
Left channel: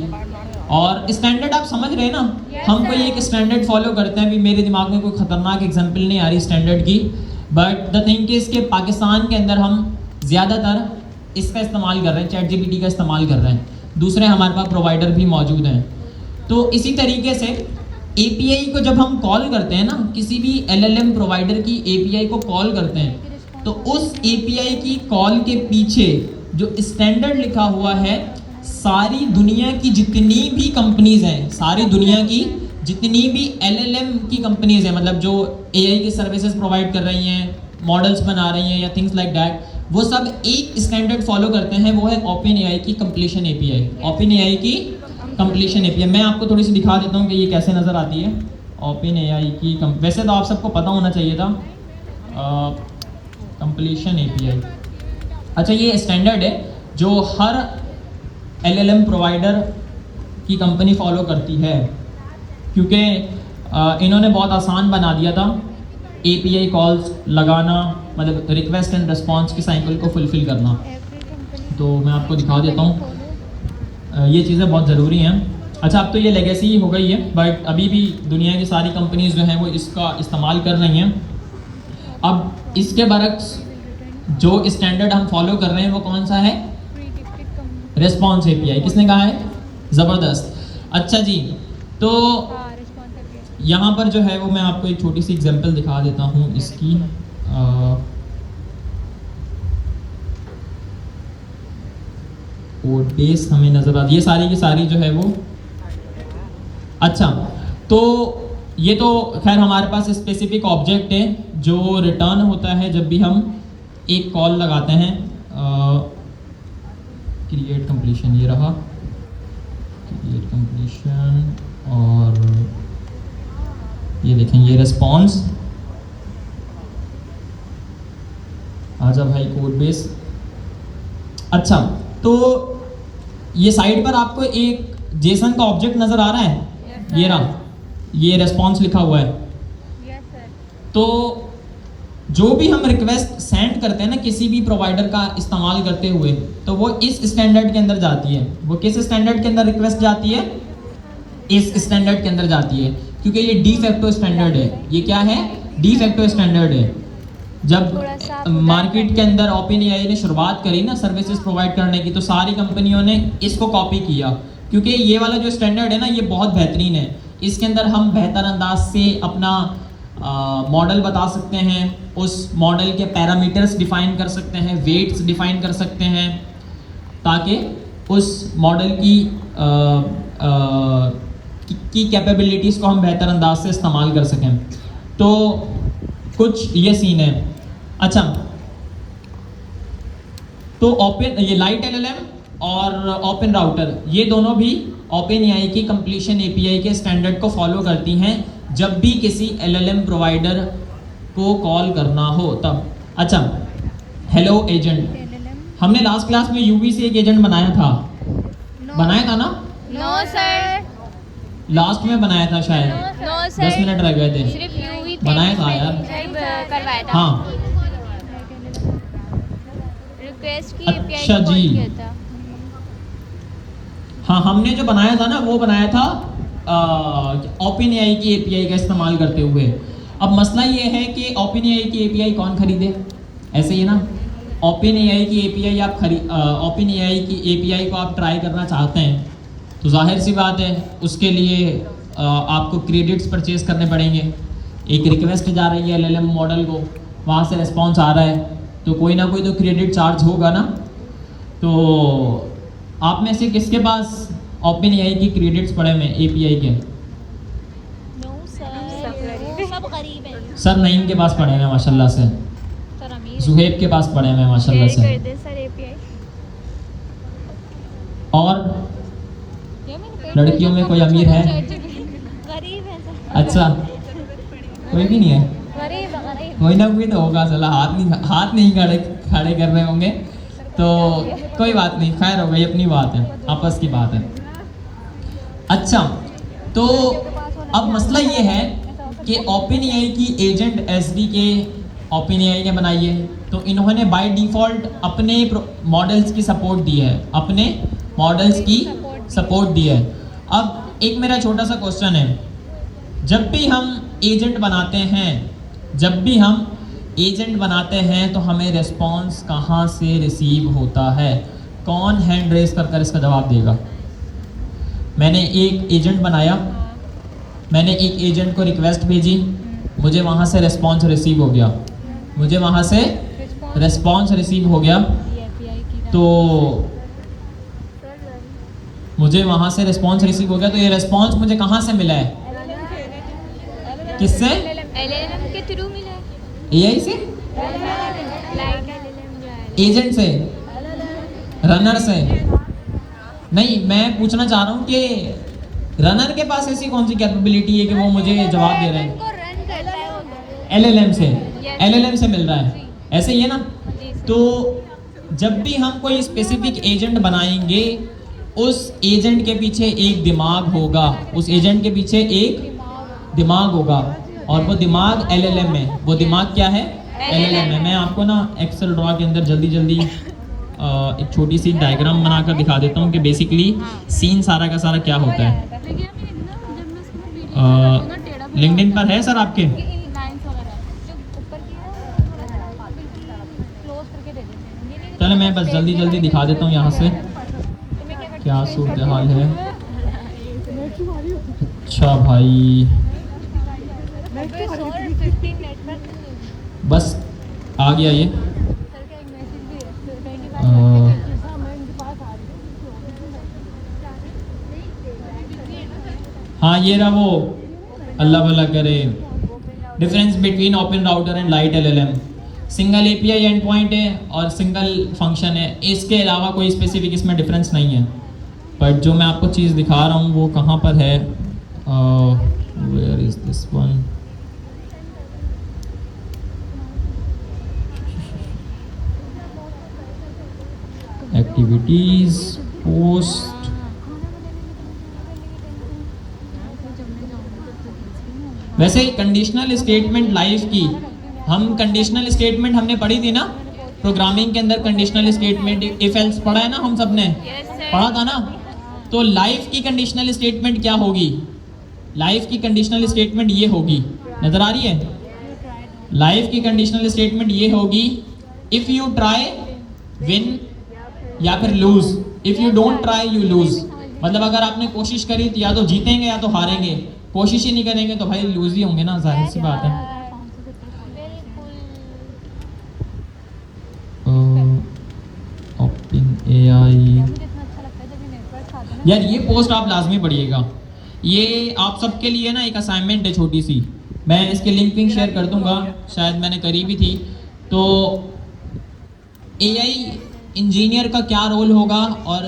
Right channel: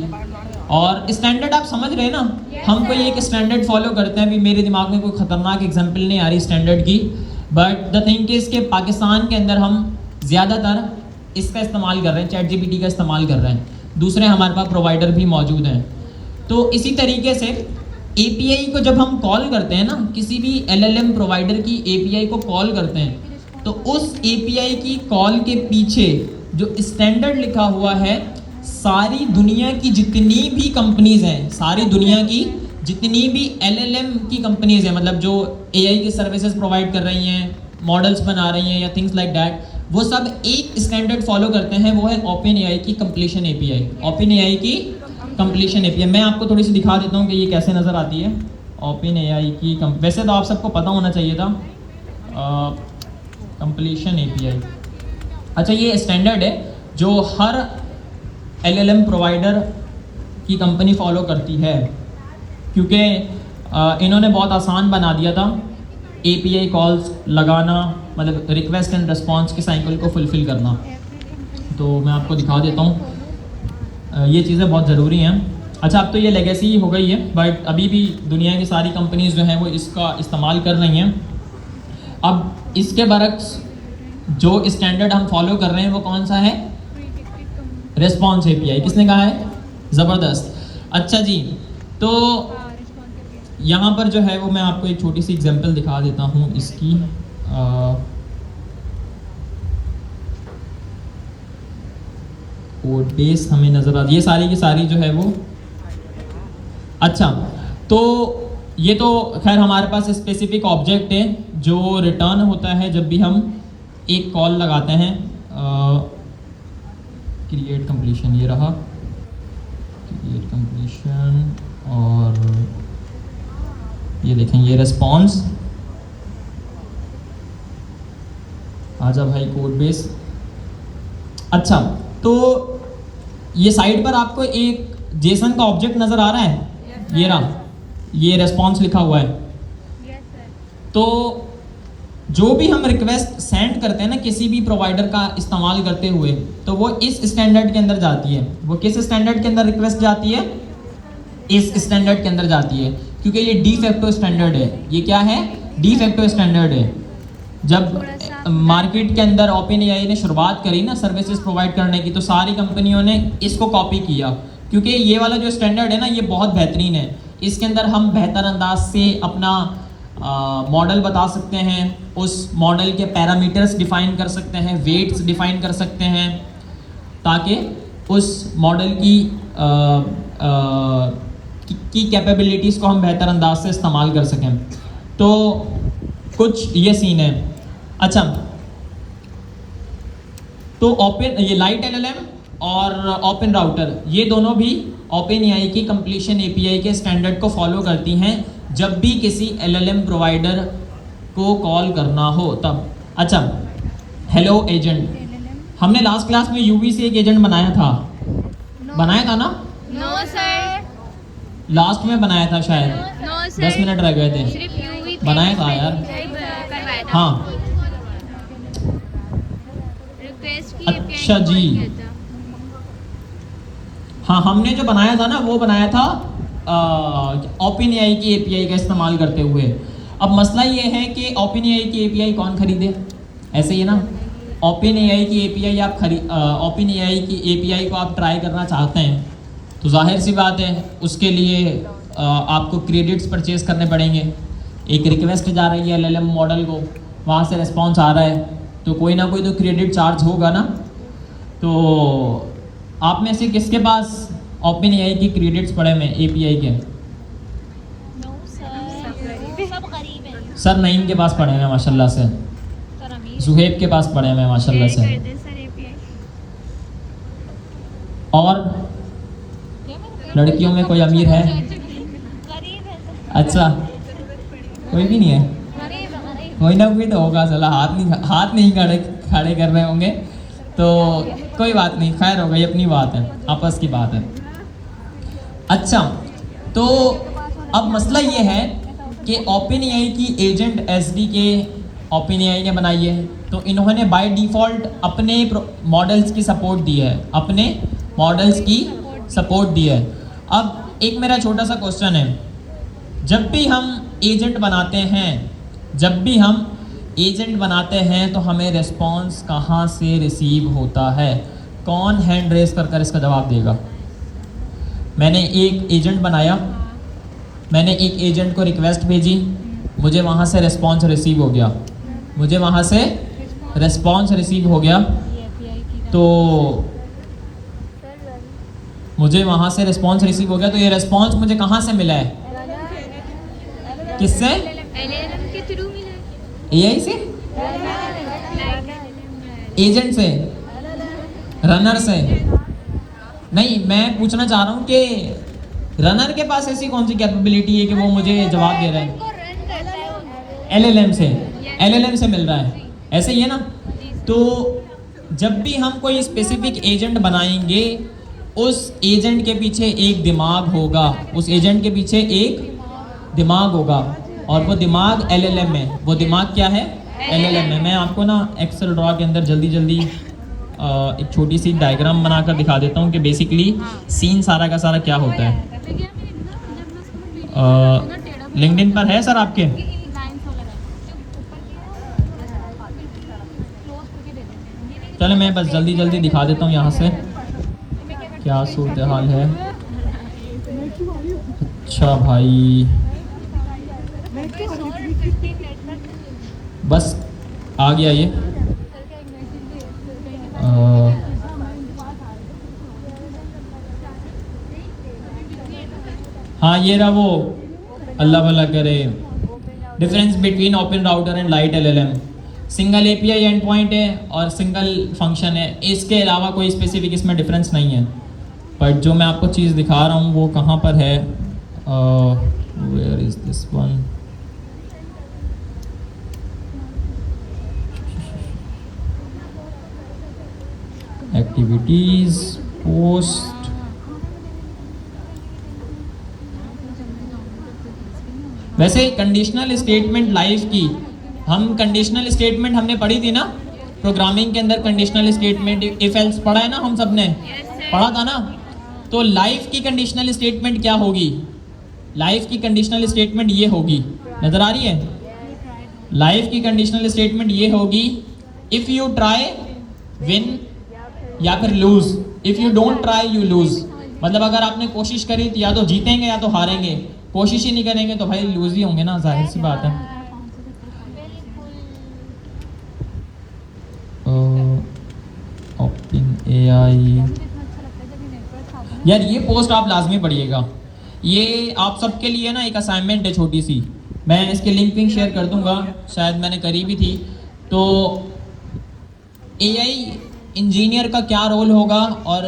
और स्टैंडर्ड आप समझ रहे हैं ना, हम कोई एक स्टैंडर्ड फॉलो करते हैं। अभी मेरे दिमाग में कोई खतरनाक एग्जांपल नहीं आ रही स्टैंडर्ड की, बट द थिंग इज के पाकिस्तान के अंदर हम ज़्यादातर इसका इस्तेमाल कर रहे हैं, चैट जीपीटी का इस्तेमाल कर रहे हैं। दूसरे हमारे पास प्रोवाइडर भी मौजूद हैं। तो इसी तरीके से एपीआई को जब हम कॉल करते हैं ना, किसी भी एलएलएम प्रोवाइडर की एपीआई को कॉल करते हैं, तो उस एपीआई की कॉल के पीछे जो स्टैंडर्ड लिखा हुआ है, सारी दुनिया की जितनी भी कंपनीज हैं, सारी दुनिया की जितनी भी एलएलएम की कंपनीज हैं, मतलब जो एआई की सर्विसेज प्रोवाइड कर रही हैं, मॉडल्स बना रही हैं या थिंग्स लाइक दैट, वो सब एक स्टैंडर्ड फॉलो करते हैं, वो है ओपन एआई की कंप्लीशन एपीआई। ओपन एआई की कंप्लीशन एपीआई मैं आपको थोड़ी सी दिखा देता हूँ कि ये कैसे नज़र आती है। ओपन एआई की वैसे तो आप सबको पता होना चाहिए था, कंप्लीशन एपीआई। अच्छा, ये स्टैंडर्ड है जो हर एलएलएम प्रोवाइडर की कंपनी फॉलो करती है, क्योंकि इन्होंने बहुत आसान बना दिया था एपीआई कॉल्स लगाना, मतलब रिक्वेस्ट एंड रिस्पॉन्स की साइकिल को फुलफिल करना। तो मैं आपको दिखा देता हूँ, ये चीज़ें बहुत ज़रूरी हैं। अच्छा, अब तो ये लेगेसी हो गई है, बट अभी भी दुनिया की सारी कंपनीज जो हैं वो इसका इस्तेमाल कर रही हैं। अब इसके बरक्स जो स्टैंडर्ड हम फॉलो कर रहे हैं वो कौन सा है? Response API. किसने कहा है? ज़बरदस्त। अच्छा जी, तो यहाँ पर जो है वो मैं आपको एक छोटी सी एग्जांपल दिखा देता हूँ इसकी। वो बेस हमें नज़र आती है, ये सारी की सारी जो है वो। अच्छा, तो ये तो खैर हमारे पास स्पेसिफिक ऑब्जेक्ट है जो रिटर्न होता है जब भी हम एक कॉल लगाते हैं। क्रिएट कंप्लीशन, ये रहा। कंप्लीशन और ये देखें ये रिस्पॉन्स। आ जाओ भाई कोड बेस। अच्छा, तो ये साइड पर आपको एक जेसन का ऑब्जेक्ट नजर आ रहा है, ये रहा, ये रेस्पॉन्स लिखा हुआ है। तो जो भी हम रिक्वेस्ट सेंड करते हैं ना किसी भी प्रोवाइडर का इस्तेमाल करते हुए, तो वो इस स्टैंडर्ड के अंदर जाती है। वो किस स्टैंडर्ड के अंदर रिक्वेस्ट जाती है? इस स्टैंडर्ड के अंदर जाती है, क्योंकि ये डी फैक्टो स्टैंडर्ड है। ये क्या है? डी फैक्टो स्टैंडर्ड है। जब मार्केट के अंदर ओपन एआई ने शुरुआत करी ना सर्विसेज प्रोवाइड करने की, तो सारी कंपनियों ने इसको कॉपी किया, क्योंकि ये वाला जो स्टैंडर्ड है ना ये बहुत बेहतरीन है। इसके अंदर हम बेहतर अंदाज से अपना मॉडल बता सकते हैं, उस मॉडल के पैरामीटर्स डिफाइन कर सकते हैं, वेट्स डिफाइन कर सकते हैं, ताकि उस मॉडल की कैपेबिलिटीज़ को हम बेहतर अंदाज से इस्तेमाल कर सकें। तो कुछ ये सीन है। अच्छा, तो ओपन ये लाइट एलएलएम और ओपन राउटर, ये दोनों भी ओपन एआई की कंप्लीशन एपीआई के स्टैंडर्ड को फॉलो करती हैं जब भी किसी एलएलएम प्रोवाइडर को कॉल करना हो तब। अच्छा, हेलो एजेंट, हमने लास्ट क्लास में यूवी से एक एजेंट बनाया था ना? नो सर, लास्ट में बनाया था शायद, नो सर, 10 मिनट रह गए थे। सिर्फ यूवी बनाया था यार, करवाया था। हाँ। रिक्वेस्ट की अच्छा जी। हाँ, हमने जो बनाया था ना वो बनाया था ओपन एआई की एपीआई का इस्तेमाल करते हुए। अब मसला ये है कि ओपन एआई की एपीआई कौन खरीदे? ऐसे ही ना, ओपन एआई की एपीआई ओपन एआई की एपीआई को आप ट्राई करना चाहते हैं, तो जाहिर सी बात है उसके लिए आपको क्रेडिट्स परचेज करने पड़ेंगे। एक रिक्वेस्ट जा रही है एलएलएम मॉडल को, वहाँ से रिस्पॉन्स आ रहा है, तो कोई ना कोई तो क्रेडिट चार्ज होगा ना। तो आप में से किसके पास ओपन एआई की क्रेडिट्स पड़े हुए एपीआई के? सर नईम के पास पड़े हैं माशाल्लाह से, जुहेब के पास पड़े हैं माशाल्लाह से, और लड़कियों में कोई अमीर है? अच्छा, कोई भी नहीं है? कोई ना कोई तो होगा, चला हाथ नहीं खड़े कर रहे होंगे, तो कोई बात नहीं, खैर हो गई, अपनी बात है, आपस की बात है। अच्छा, तो अब मसला ये है कि ओपन एआई की एजेंट एसडीके ओपन एआई ने बनाई है, तो इन्होंने बाय डिफ़ॉल्ट अपने मॉडल्स की सपोर्ट दी है, अपने मॉडल्स की सपोर्ट दी है। अब एक मेरा छोटा सा क्वेश्चन है, जब भी हम एजेंट बनाते हैं तो हमें रिस्पॉन्स कहाँ से रिसीव होता है? कौन हैंड रेस कर इसका जवाब देगा? मैंने एक एजेंट बनाया, मैंने एक एजेंट को रिक्वेस्ट भेजी, मुझे वहाँ से रिस्पॉन्स रिसीव हो गया, तो मुझे वहाँ से रिस्पॉन्स रिसीव हो गया, तो ये रिस्पॉन्स मुझे कहाँ से मिला है? किससे? एलएलएम के थ्रू मिला, एआई से, एजेंट से, रनर से? नहीं, मैं पूछना चाह रहा हूँ कि रनर के पास ऐसी कौन सी कैपेबिलिटी है कि वो मुझे जवाब दे रहा है? एलएलएम से मिल रहा है, ऐसे ही है ना? तो जब भी हम कोई स्पेसिफिक एजेंट बनाएंगे, उस एजेंट के पीछे एक दिमाग होगा, और वो दिमाग एलएलएम है। वो दिमाग क्या है? एलएलएम है। मैं आपको ना एक्सेल ड्रॉ के अंदर जल्दी एक छोटी सी डायग्राम बनाकर दिखा देता हूँ कि बेसिकली सीन सारा का सारा क्या होता है। लिंक्डइन पर है सर आपके? चलो मैं बस जल्दी दिखा देता हूँ यहाँ से क्या सूरत हाल है। अच्छा भाई, बस आ गया ये। हाँ, ये रहा वो, अल्लाह भला करे। Difference between open router and light LLM, single API and point है और सिंगल फंक्शन है, इसके अलावा कोई स्पेसिफिक इसमें डिफरेंस नहीं है। बट जो मैं आपको चीज़ दिखा रहा हूँ वो कहाँ पर है, where is this one, activities, post, वैसे कंडीशनल स्टेटमेंट लाइफ की, हम कंडीशनल स्टेटमेंट हमने पढ़ी थी ना प्रोग्रामिंग के अंदर, कंडीशनल स्टेटमेंट इफ एल्स पढ़ा है ना, हम सब ने पढ़ा था ना। तो लाइफ की कंडीशनल स्टेटमेंट क्या होगी, लाइफ की कंडीशनल स्टेटमेंट ये होगी, नजर आ रही है, लाइफ की कंडीशनल स्टेटमेंट ये होगी, इफ यू ट्राई विन या फिर lose, if you don't try you lose. मतलब अगर आपने कोशिश करी तो या तो जीतेंगे या तो हारेंगे, कोशिश ही नहीं करेंगे तो भाई लूज ही होंगे ना, जाहिर सी बात है। OpenAI, यार ये पोस्ट आप लाजमी पढ़िएगा, ये आप सबके लिए ना एक असाइनमेंट है छोटी सी, मैं इसके लिंक भी शेयर कर दूंगा, शायद मैंने करी भी थी। तो AI इंजीनियर का क्या रोल होगा और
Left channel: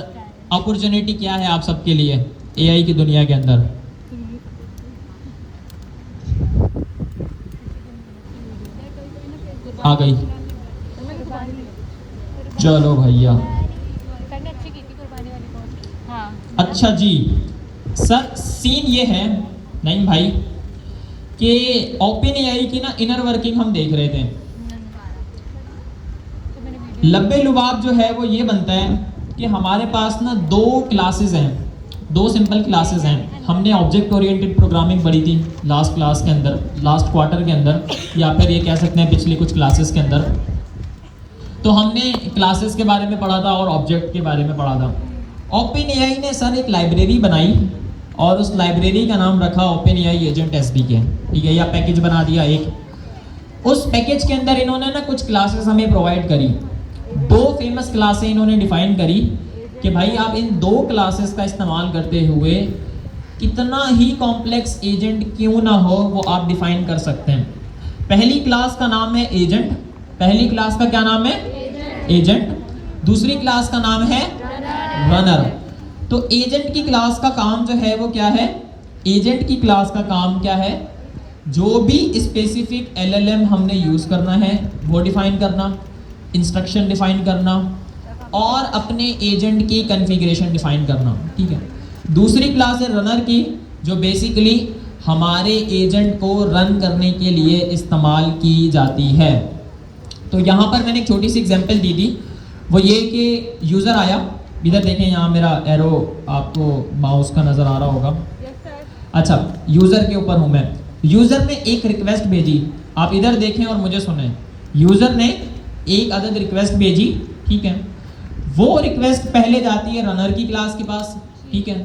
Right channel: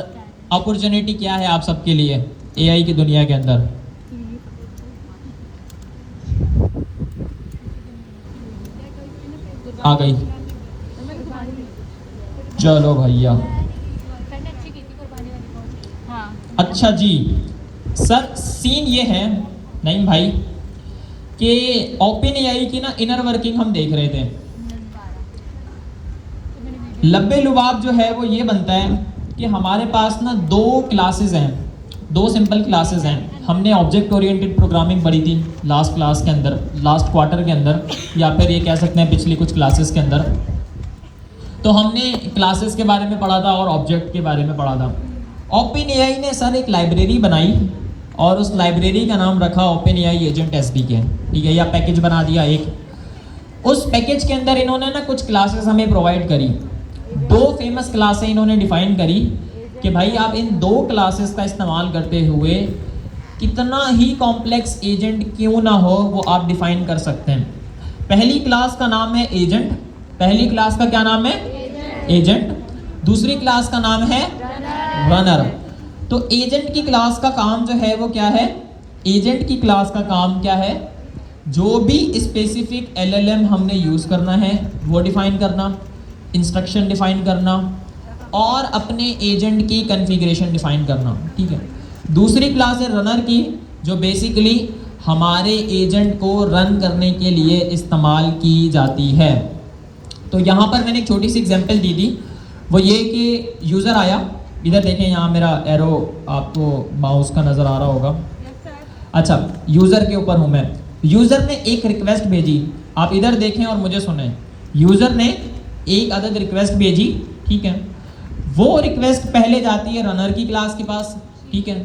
अपॉर्चुनिटी क्या है आप सबके लिए AI की दुनिया के अंदर। आ गई, चलो भैया। अच्छा जी, सर सीन ये है नहीं भाई कि OpenAI की ना इनर वर्किंग हम देख रहे थे। लब्बे लुबाब जो है वो ये बनता है कि हमारे पास ना दो क्लासेस हैं, दो सिंपल क्लासेस हैं। हमने ऑब्जेक्ट ओरिएंटेड प्रोग्रामिंग पढ़ी थी लास्ट क्लास के अंदर, लास्ट क्वार्टर के अंदर, या फिर ये कह सकते हैं पिछली कुछ क्लासेस के अंदर। तो हमने क्लासेस के बारे में पढ़ा था और ऑब्जेक्ट के बारे में पढ़ा था। OpenAI ने सर एक लाइब्रेरी बनाई और उस लाइब्रेरी का नाम रखा OpenAI एजेंट SDK, ठीक है, या पैकेज बना दिया एक। उस पैकेज के अंदर इन्होंने ना कुछ क्लासेस हमें प्रोवाइड करी, दो फेमस क्लासें इन्होंने डिफाइन करी कि भाई आप इन दो क्लासेस का इस्तेमाल करते हुए कितना ही कॉम्प्लेक्स एजेंट क्यों ना हो वो आप डिफाइन कर सकते हैं। पहली क्लास का नाम है एजेंट, पहली क्लास का क्या नाम है, एजेंट। दूसरी क्लास का नाम है रनर। तो एजेंट की क्लास का काम जो है वो क्या है, एजेंट की क्लास का काम क्या है, जो भी स्पेसिफिक LLM हमने यूज करना है वो डिफाइन करना, इंस्ट्रक्शन डिफाइन करना और अपने एजेंट की कॉन्फ़िगरेशन डिफाइन करना, ठीक है। दूसरी क्लास है रनर की, जो बेसिकली हमारे एजेंट को रन करने के लिए इस्तेमाल की जाती है। तो यहाँ पर मैंने एक छोटी सी एग्जांपल दी थी, वो ये कि यूज़र आया, इधर देखें यहाँ मेरा एरो आपको माउस का नज़र आ रहा होगा, अच्छा यूज़र के ऊपर हूँ मैं। यूज़र ने एक रिक्वेस्ट भेजी, आप इधर देखें और मुझे सुने, यूज़र ने एक अदद रिक्वेस्ट भेजी, ठीक है। वो रिक्वेस्ट पहले जाती है रनर की क्लास के पास, ठीक है।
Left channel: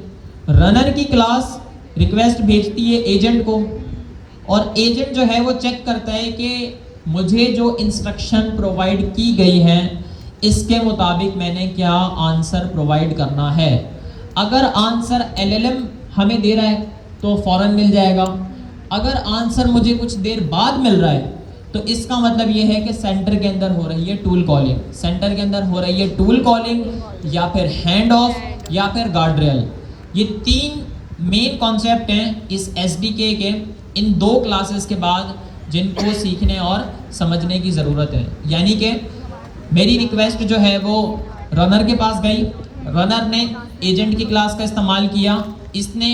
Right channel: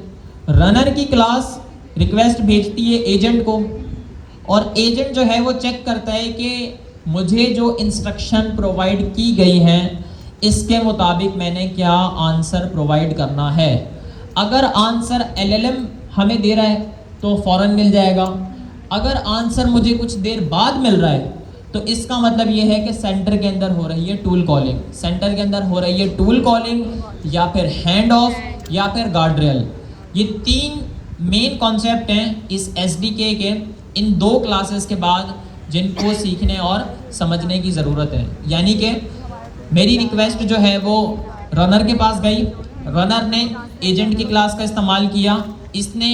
रनर की क्लास रिक्वेस्ट भेजती है एजेंट को और एजेंट जो है वो चेक करता है कि मुझे जो इंस्ट्रक्शन प्रोवाइड की गई है इसके मुताबिक मैंने क्या आंसर प्रोवाइड करना है। अगर आंसर LLM हमें दे रहा है तो फौरन मिल जाएगा, अगर आंसर मुझे कुछ देर बाद मिल रहा है तो इसका मतलब ये है कि सेंटर के अंदर हो रही है टूल कॉलिंग, सेंटर के अंदर हो रही है टूल कॉलिंग या फिर हैंड ऑफ या फिर गार्ड रेल। ये तीन मेन कॉन्सेप्ट हैं इस SDK के इन दो क्लासेस के बाद जिनको सीखने और समझने की ज़रूरत है। यानी कि मेरी रिक्वेस्ट जो है वो रनर के पास गई, रनर ने एजेंट की क्लास का इस्तेमाल किया, इसने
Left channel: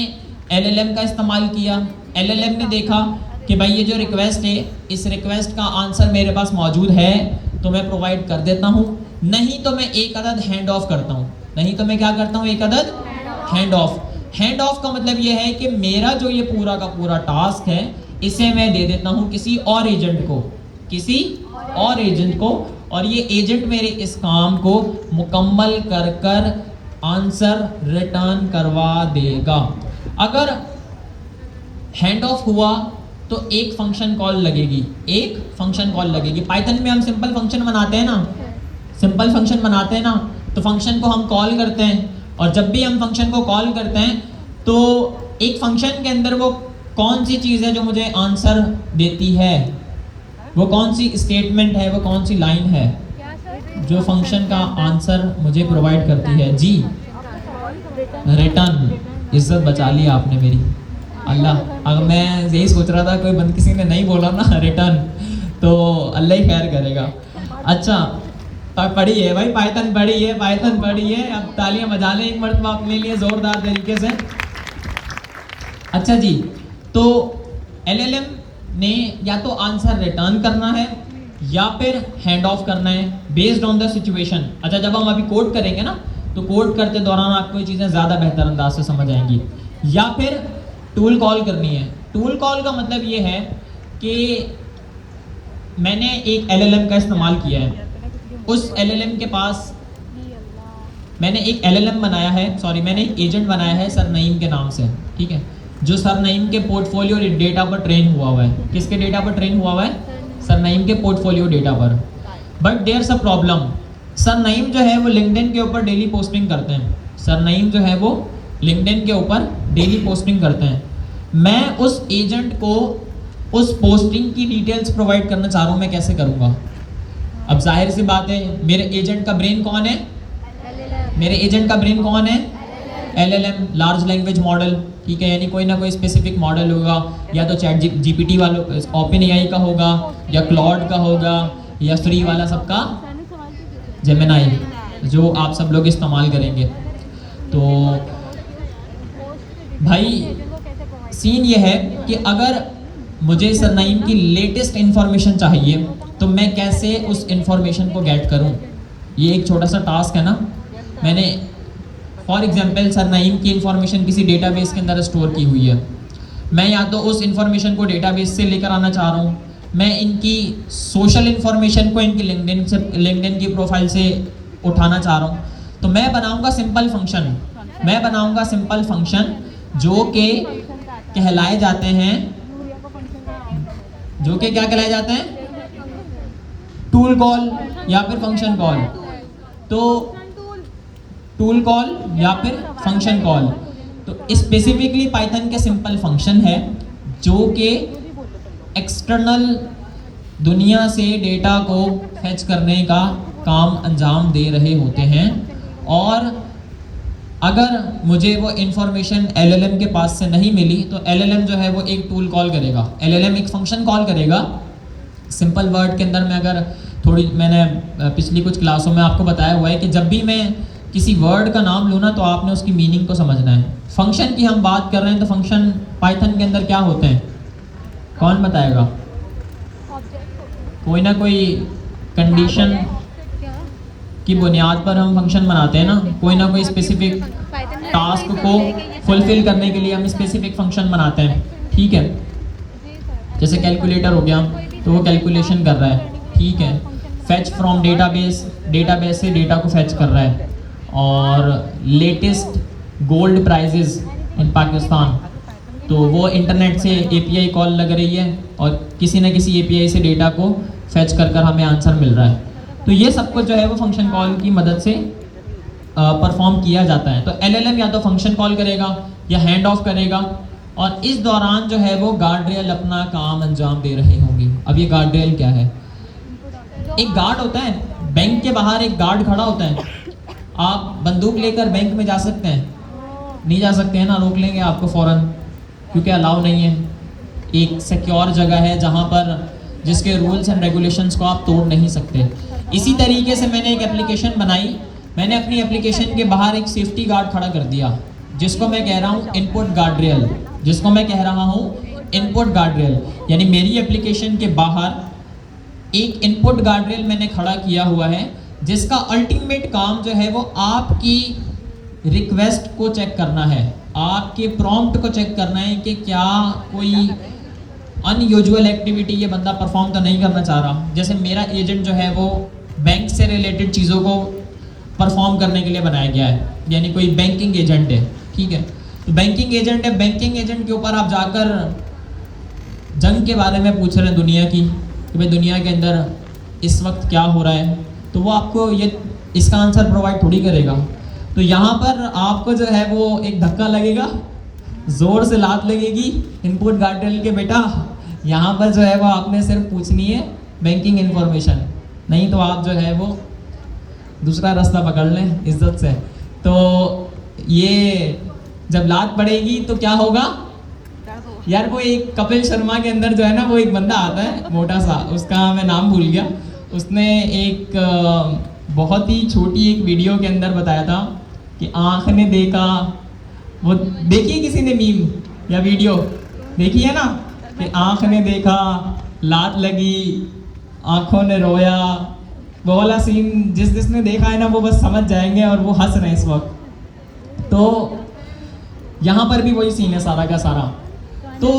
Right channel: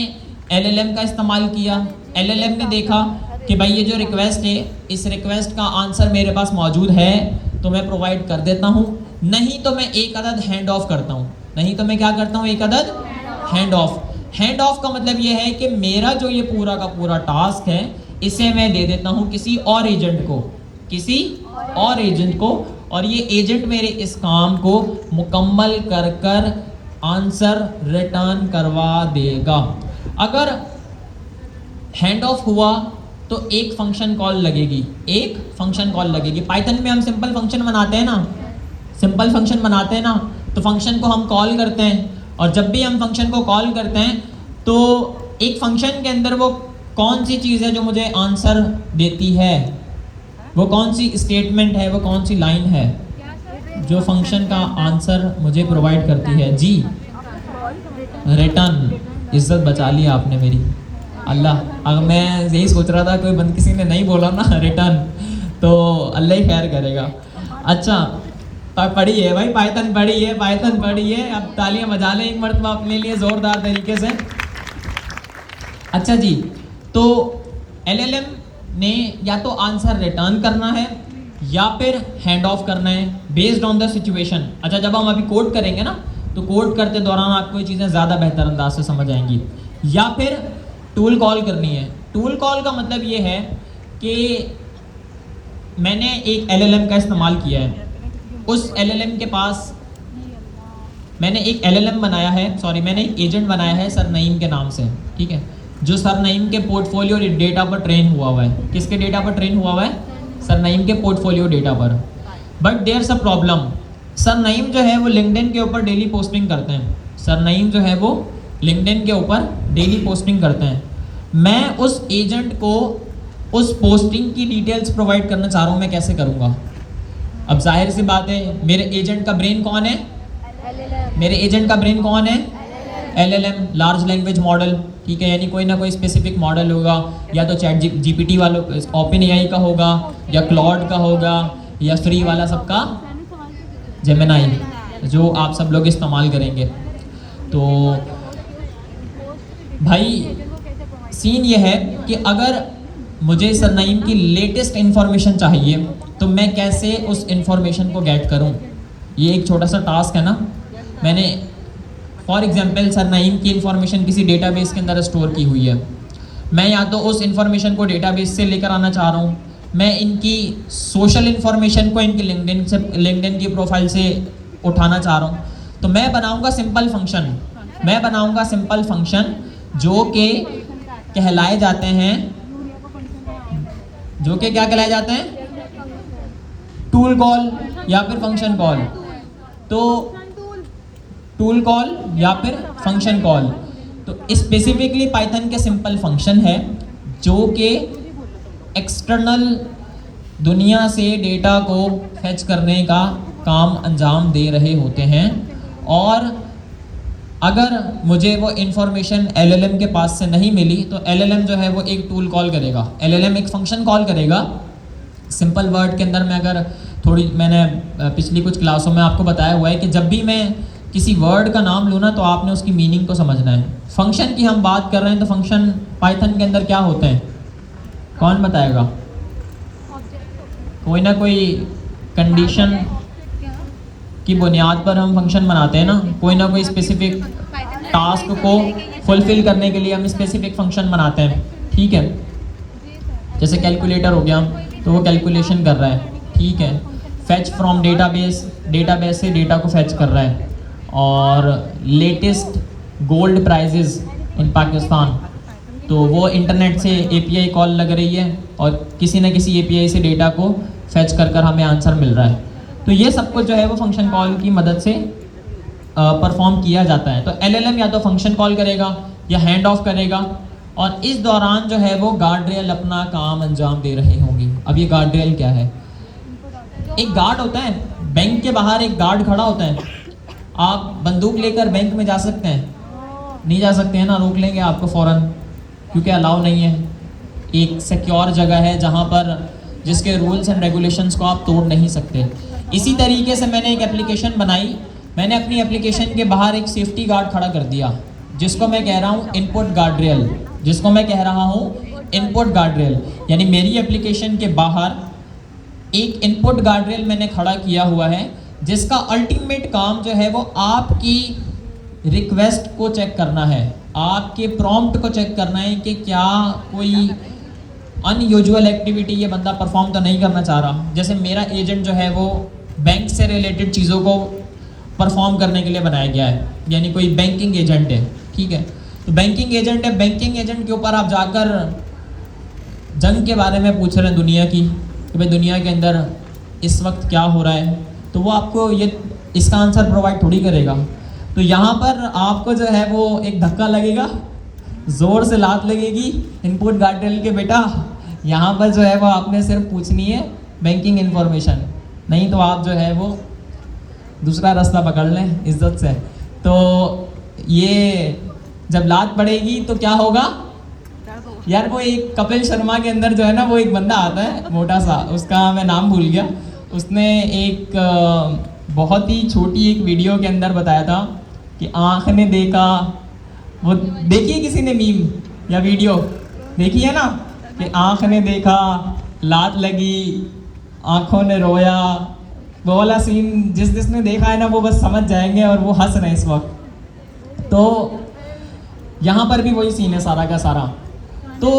LLM का इस्तेमाल किया, LLM ने देखा कि भाई ये जो रिक्वेस्ट है इस रिक्वेस्ट का आंसर मेरे पास मौजूद है तो मैं प्रोवाइड कर देता हूँ, नहीं तो मैं एक अदद हैंड ऑफ करता हूँ, नहीं तो मैं क्या करता हूँ, एक अदद हैंड ऑफ। हैंड ऑफ का मतलब ये है कि मेरा जो ये पूरा का पूरा टास्क है इसे मैं दे देता हूँ किसी और एजेंट को, किसी और एजेंट को, और ये एजेंट मेरे इस काम को मुकम्मल कर कर आंसर रिटर्न करवा देगा। अगर हैंड ऑफ हुआ तो एक फंक्शन कॉल लगेगी, एक फंक्शन कॉल लगेगी। पाइथन में हम सिंपल फंक्शन बनाते हैं ना, सिंपल फंक्शन बनाते हैं ना, तो फंक्शन को हम कॉल करते हैं और जब भी हम फंक्शन को कॉल करते हैं तो एक फंक्शन के अंदर वो कौन सी चीज़ है जो मुझे आंसर देती है, वो कौन सी स्टेटमेंट है, वो कौन सी लाइन है जो फंक्शन का आंसर मुझे प्रोवाइड करती है। जी रिटर्न, इज्जत बचा ली आपने मेरी। अल्लाह, अब मैं यही सोच रहा था कोई बंद किसी ने नहीं बोला ना रिटर्न, तो अल्लाह ही खैर करेगा। अच्छा, पढ़ी है भाई, पाइथन पढ़ी है, पाइथन पढ़ी है। अब तालियां बजा लें एक मरतबा अपने लिए जोरदार तरीके से। अच्छा जी, तो एलएलएम ने या तो आंसर रिटर्न करना है या फिर हैंड ऑफ करना है बेस्ड ऑन द सिचुएशन। अच्छा, जब हम अभी कोड करेंगे ना, तो कोड करते दौरान आपको ये चीज़ें ज़्यादा बेहतर अंदाज से समझ आएंगी। या फिर टूल कॉल करनी है। टूल कॉल का मतलब ये है कि मैंने एक एलएलएम का इस्तेमाल किया है, उस एलएलएम के पास मैंने एक एलएलएम बनाया है, सॉरी मैंने एक एजेंट बनाया है सर नईम के नाम से, ठीक है, जो सर नईम के पोर्टफोलियो डेटा पर ट्रेन हुआ है। किसके डेटा पर ट्रेन हुआ है? सर नईम के पोर्टफोलियो डेटा पर। But there's a problem, sir Naeem जो है वो लिंक्डइन के ऊपर डेली पोस्टिंग करते हैं। सर नईम जो है वो लिंक्डइन के ऊपर डेली पोस्टिंग करते हैं। मैं उस एजेंट को उस पोस्टिंग की डिटेल्स प्रोवाइड करना चाह रहा हूँ, मैं कैसे करूँगा? अब जाहिर सी बात है, मेरे एजेंट का ब्रेन कौन है? मेरे एजेंट का ब्रेन कौन है? एलएलएम, लार्ज लैंग्वेज मॉडल, ठीक है, यानी कोई ना कोई स्पेसिफिक मॉडल होगा, या तो चैट जीपीटी वालों, ओपन एआई का होगा, या क्लाउड का होगा, या फ्री वाला सबका जेमिनाई, जो आप सब लोग इस्तेमाल करेंगे। तो भाई सीन ये है कि अगर मुझे सर नईम की लेटेस्ट इंफॉर्मेशन चाहिए तो मैं कैसे उस इंफॉर्मेशन को गेट करूं? ये एक छोटा सा टास्क है ना। मैंने फॉर एग्जांपल सर नईम की इंफॉर्मेशन किसी डेटाबेस के अंदर स्टोर की हुई है। मैं या तो उस इंफॉर्मेशन को डेटाबेस से लेकर आना चाह रहा हूँ, मैं इनकी सोशल इंफॉर्मेशन को इनकी लिंक्डइन की प्रोफाइल से उठाना चाह रहा हूँ, तो मैं बनाऊंगा सिंपल फंक्शन। मैं बनाऊंगा सिंपल फंक्शन जो कि कहलाए जाते हैं, जो कि क्या कहलाए जाते हैं? टूल कॉल या फिर फंक्शन कॉल। तो टूल कॉल या फिर फंक्शन कॉल, तो स्पेसिफिकली पाइथन के सिंपल फंक्शन है जो कि एक्सटर्नल दुनिया से डेटा को फेच करने का काम अंजाम दे रहे होते हैं। और अगर मुझे वो इंफॉर्मेशन एलएलएम के पास से नहीं मिली तो एलएलएम जो है वो एक टूल कॉल करेगा, एलएलएम एक फंक्शन कॉल करेगा। सिंपल वर्ड के अंदर में अगर थोड़ी, मैंने पिछली कुछ क्लासों में आपको बताया हुआ है कि जब भी मैं किसी वर्ड का नाम लूँ ना तो आपने उसकी मीनिंग को समझना है। फंक्शन की हम बात कर रहे हैं, तो फंक्शन पाइथन के अंदर क्या होते हैं? कौन बताएगा? कोई ना कोई कंडीशन की बुनियाद पर हम फंक्शन बनाते हैं ना, कोई ना कोई स्पेसिफिक टास्क को फुलफिल करने के लिए हम स्पेसिफिक फंक्शन बनाते हैं, ठीक है। जैसे कैलकुलेटर हो गया, तो वो कैलकुलेशन कर रहा है, ठीक है। फैच फ्रॉम डेटाबेस, डेटाबेस से डेटा को फैच कर रहा है। और लेटेस्ट गोल्ड प्राइजेस इन पाकिस्तान, तो वो इंटरनेट से एपीआई कॉल लग रही है और किसी न किसी एपीआई से डेटा को फैच कर हमें आंसर मिल रहा है। तो ये सब कुछ जो है वो फंक्शन कॉल की मदद से परफॉर्म किया जाता है। तो एलएलएम या तो फंक्शन कॉल करेगा या हैंड ऑफ करेगा, और इस दौरान जो है वो गार्ड रेल अपना काम अंजाम दे रहे होंगे। अब ये गार्ड रेल क्या है? एक गार्ड होता है, बैंक के बाहर एक गार्ड खड़ा होता है। आप बंदूक लेकर बैंक में जा सकते हैं? नहीं जा सकते हैं ना, रोक लेंगे आपको फौरन, क्योंकि अलाउ नहीं है। एक सिक्योर जगह है जहाँ पर जिसके रूल्स एंड रेगुलेशंस को आप तोड़ नहीं सकते। इसी तरीके से मैंने एक एप्लीकेशन बनाई। मैंने अपनी एप्लीकेशन के बाहर एक सेफ्टी गार्ड खड़ा कर दिया, जिसको मैं कह रहा हूँ इनपुट गार्ड रेल, जिसको मैं कह रहा हूँ इनपुट गार्ड रेल। यानी मेरी एप्लीकेशन के बाहर एक इनपुट गार्ड रेल मैंने खड़ा किया हुआ है, जिसका अल्टीमेट काम जो है वो आपकी रिक्वेस्ट को चेक करना है, आपके प्रॉम्प्ट को चेक करना है कि क्या कोई अनयूजुअल एक्टिविटी ये बंदा परफॉर्म तो नहीं करना चाह रहा। जैसे मेरा एजेंट जो है वो बैंक से रिलेटेड चीज़ों को परफॉर्म करने के लिए बनाया गया है, यानी कोई बैंकिंग एजेंट है, ठीक है। तो बैंकिंग एजेंट है, बैंकिंग एजेंट के ऊपर आप जाकर जंग के बारे में पूछ रहे हैं दुनिया की, कि भाई दुनिया के अंदर इस वक्त क्या हो रहा है, तो वो आपको ये इसका आंसर प्रोवाइड थोड़ी करेगा। तो यहाँ पर आपको जो है वो एक धक्का लगेगा, जोर से लात लगेगी इनपुट गार्ड रेल के, बेटा यहाँ पर जो है वो आपने सिर्फ पूछनी है बैंकिंग इंफॉर्मेशन, नहीं तो आप जो है वो दूसरा रास्ता पकड़ लें इज्जत से। तो ये जब लात पड़ेगी तो क्या होगा यार? वो एक कपिल शर्मा के अंदर जो है ना, वो एक बंदा आता है मोटा सा, उसका मैं नाम भूल गया। उसने एक बहुत ही छोटी एक वीडियो के अंदर बताया था कि आँख ने देखा, वो देखी किसी ने मीम या वीडियो देखी है ना, कि आँख ने देखा, लात लगी, आँखों ने रोया। वो वाला सीन जिसने देखा है ना, वो बस समझ जाएंगे और वो हंस रहे हैं इस वक्त। तो यहाँ पर भी वही सीन है सारा का सारा। तो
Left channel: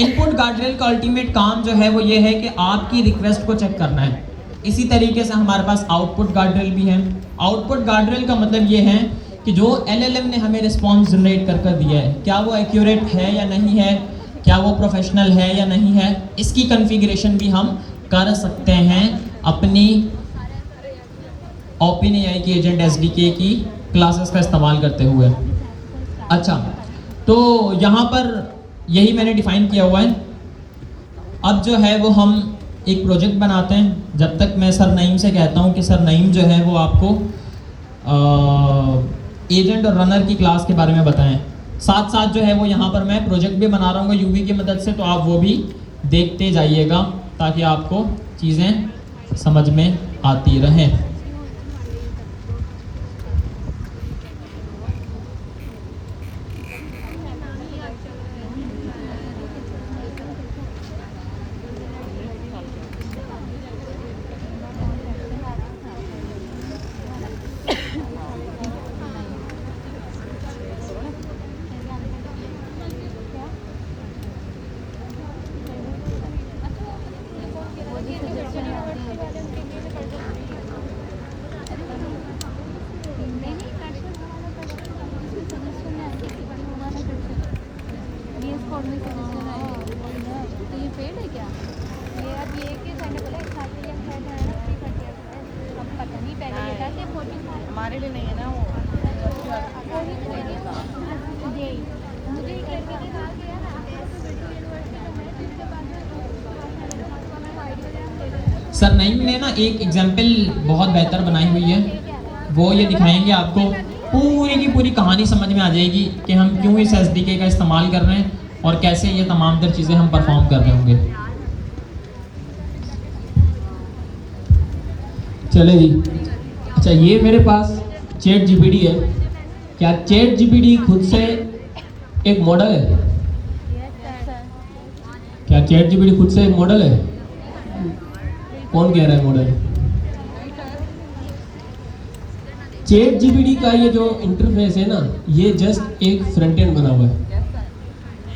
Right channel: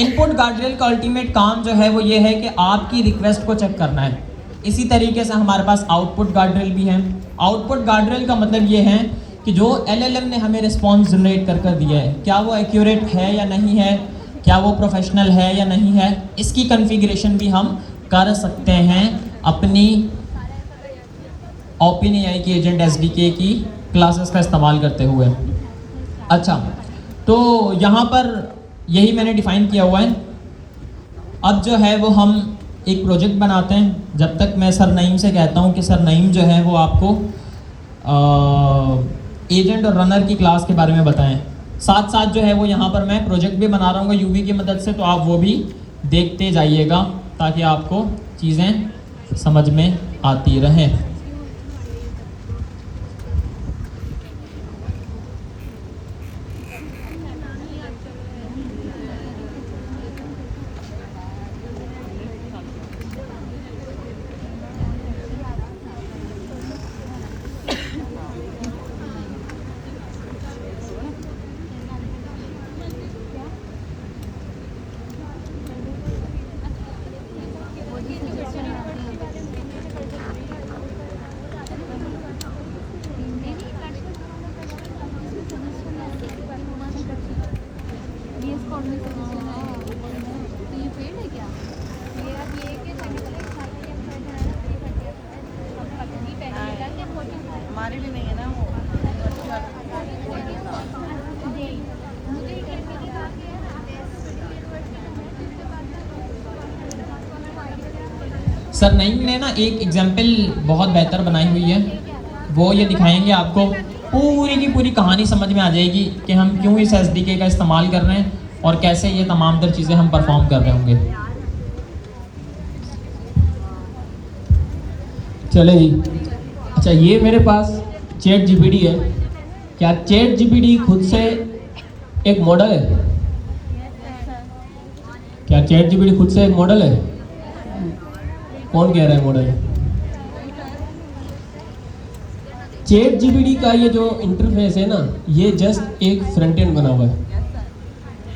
इनपुट गार्डरेल का अल्टीमेट काम जो है वो ये है कि आपकी रिक्वेस्ट को चेक करना है। इसी तरीके से हमारे पास आउटपुट गार्डरेल भी है। आउटपुट गार्डरेल का मतलब ये है कि जो LLM ने हमें रिस्पॉन्स जनरेट कर दिया है, क्या वो एक्यूरेट है या नहीं है, क्या वो प्रोफेशनल है या नहीं है, इसकी कॉन्फ़िगरेशन भी हम कर सकते हैं अपनी OpenAI की एजेंट SDK की क्लासेस का इस्तेमाल करते हुए। अच्छा, तो यहाँ पर यही मैंने डिफाइन किया हुआ है। अब जो है वो हम एक प्रोजेक्ट बनाते हैं। जब तक मैं सर नईम से कहता हूँ कि सर नईम जो है वो आपको एजेंट और रनर की क्लास के बारे में बताएं। साथ साथ जो है वो यहाँ पर मैं प्रोजेक्ट भी बना रहा हूँ UV की मदद से, तो आप वो भी देखते जाइएगा ताकि आपको चीज़ें समझ में आती रहें। सर नईम ने ना एक एग्जाम्पल बहुत बेहतर बनाई हुई है, वो ये दिखाएंगे आपको। पूरी की पूरी कहानी समझ में आ जाएगी कि हम क्यों इस SDK का इस्तेमाल कर रहे हैं और कैसे ये तमाम तर चीज़ें हम परफॉर्म कर रहे होंगे। चले जी। अच्छा, ये मेरे पास ChatGPT है। क्या ChatGPT खुद से एक मॉडल है? क्या ChatGPT खुद से एक मॉडल है? कौन कह रहा है मॉडल? ChatGPT का ये जो इंटरफेस है ना, ये जस्ट एक फ्रंट एंड बना हुआ है।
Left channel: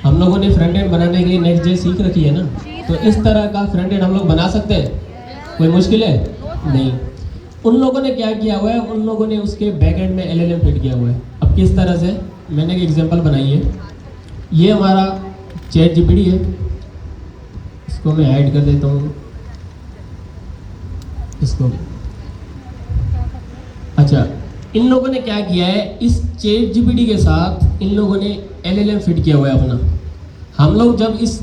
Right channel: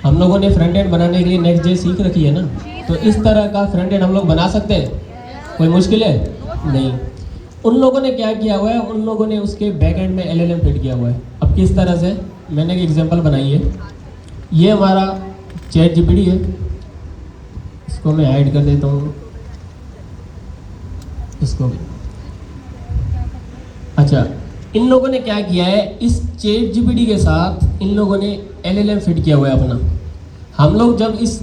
हम लोगों ने फ्रंट एंड बनाने के लिए Next.js सीख रखी है ना, तो इस तरह का फ्रंट एंड हम लोग बना सकते हैं। कोई मुश्किल है? नहीं। उन लोगों ने क्या किया हुआ है, उन लोगों ने उसके बैक एंड में LLM फिट किया हुआ है। अब किस तरह से, मैंने एक एग्जांपल बनाई है। ये हमारा ChatGPT है, इसको मैं हाइड कर देता हूँ इसको। अच्छा, इन लोगों ने क्या किया है, इस ChatGPT के साथ इन लोगों ने LLM फिट किया हुआ है अपना। हम लोग जब इस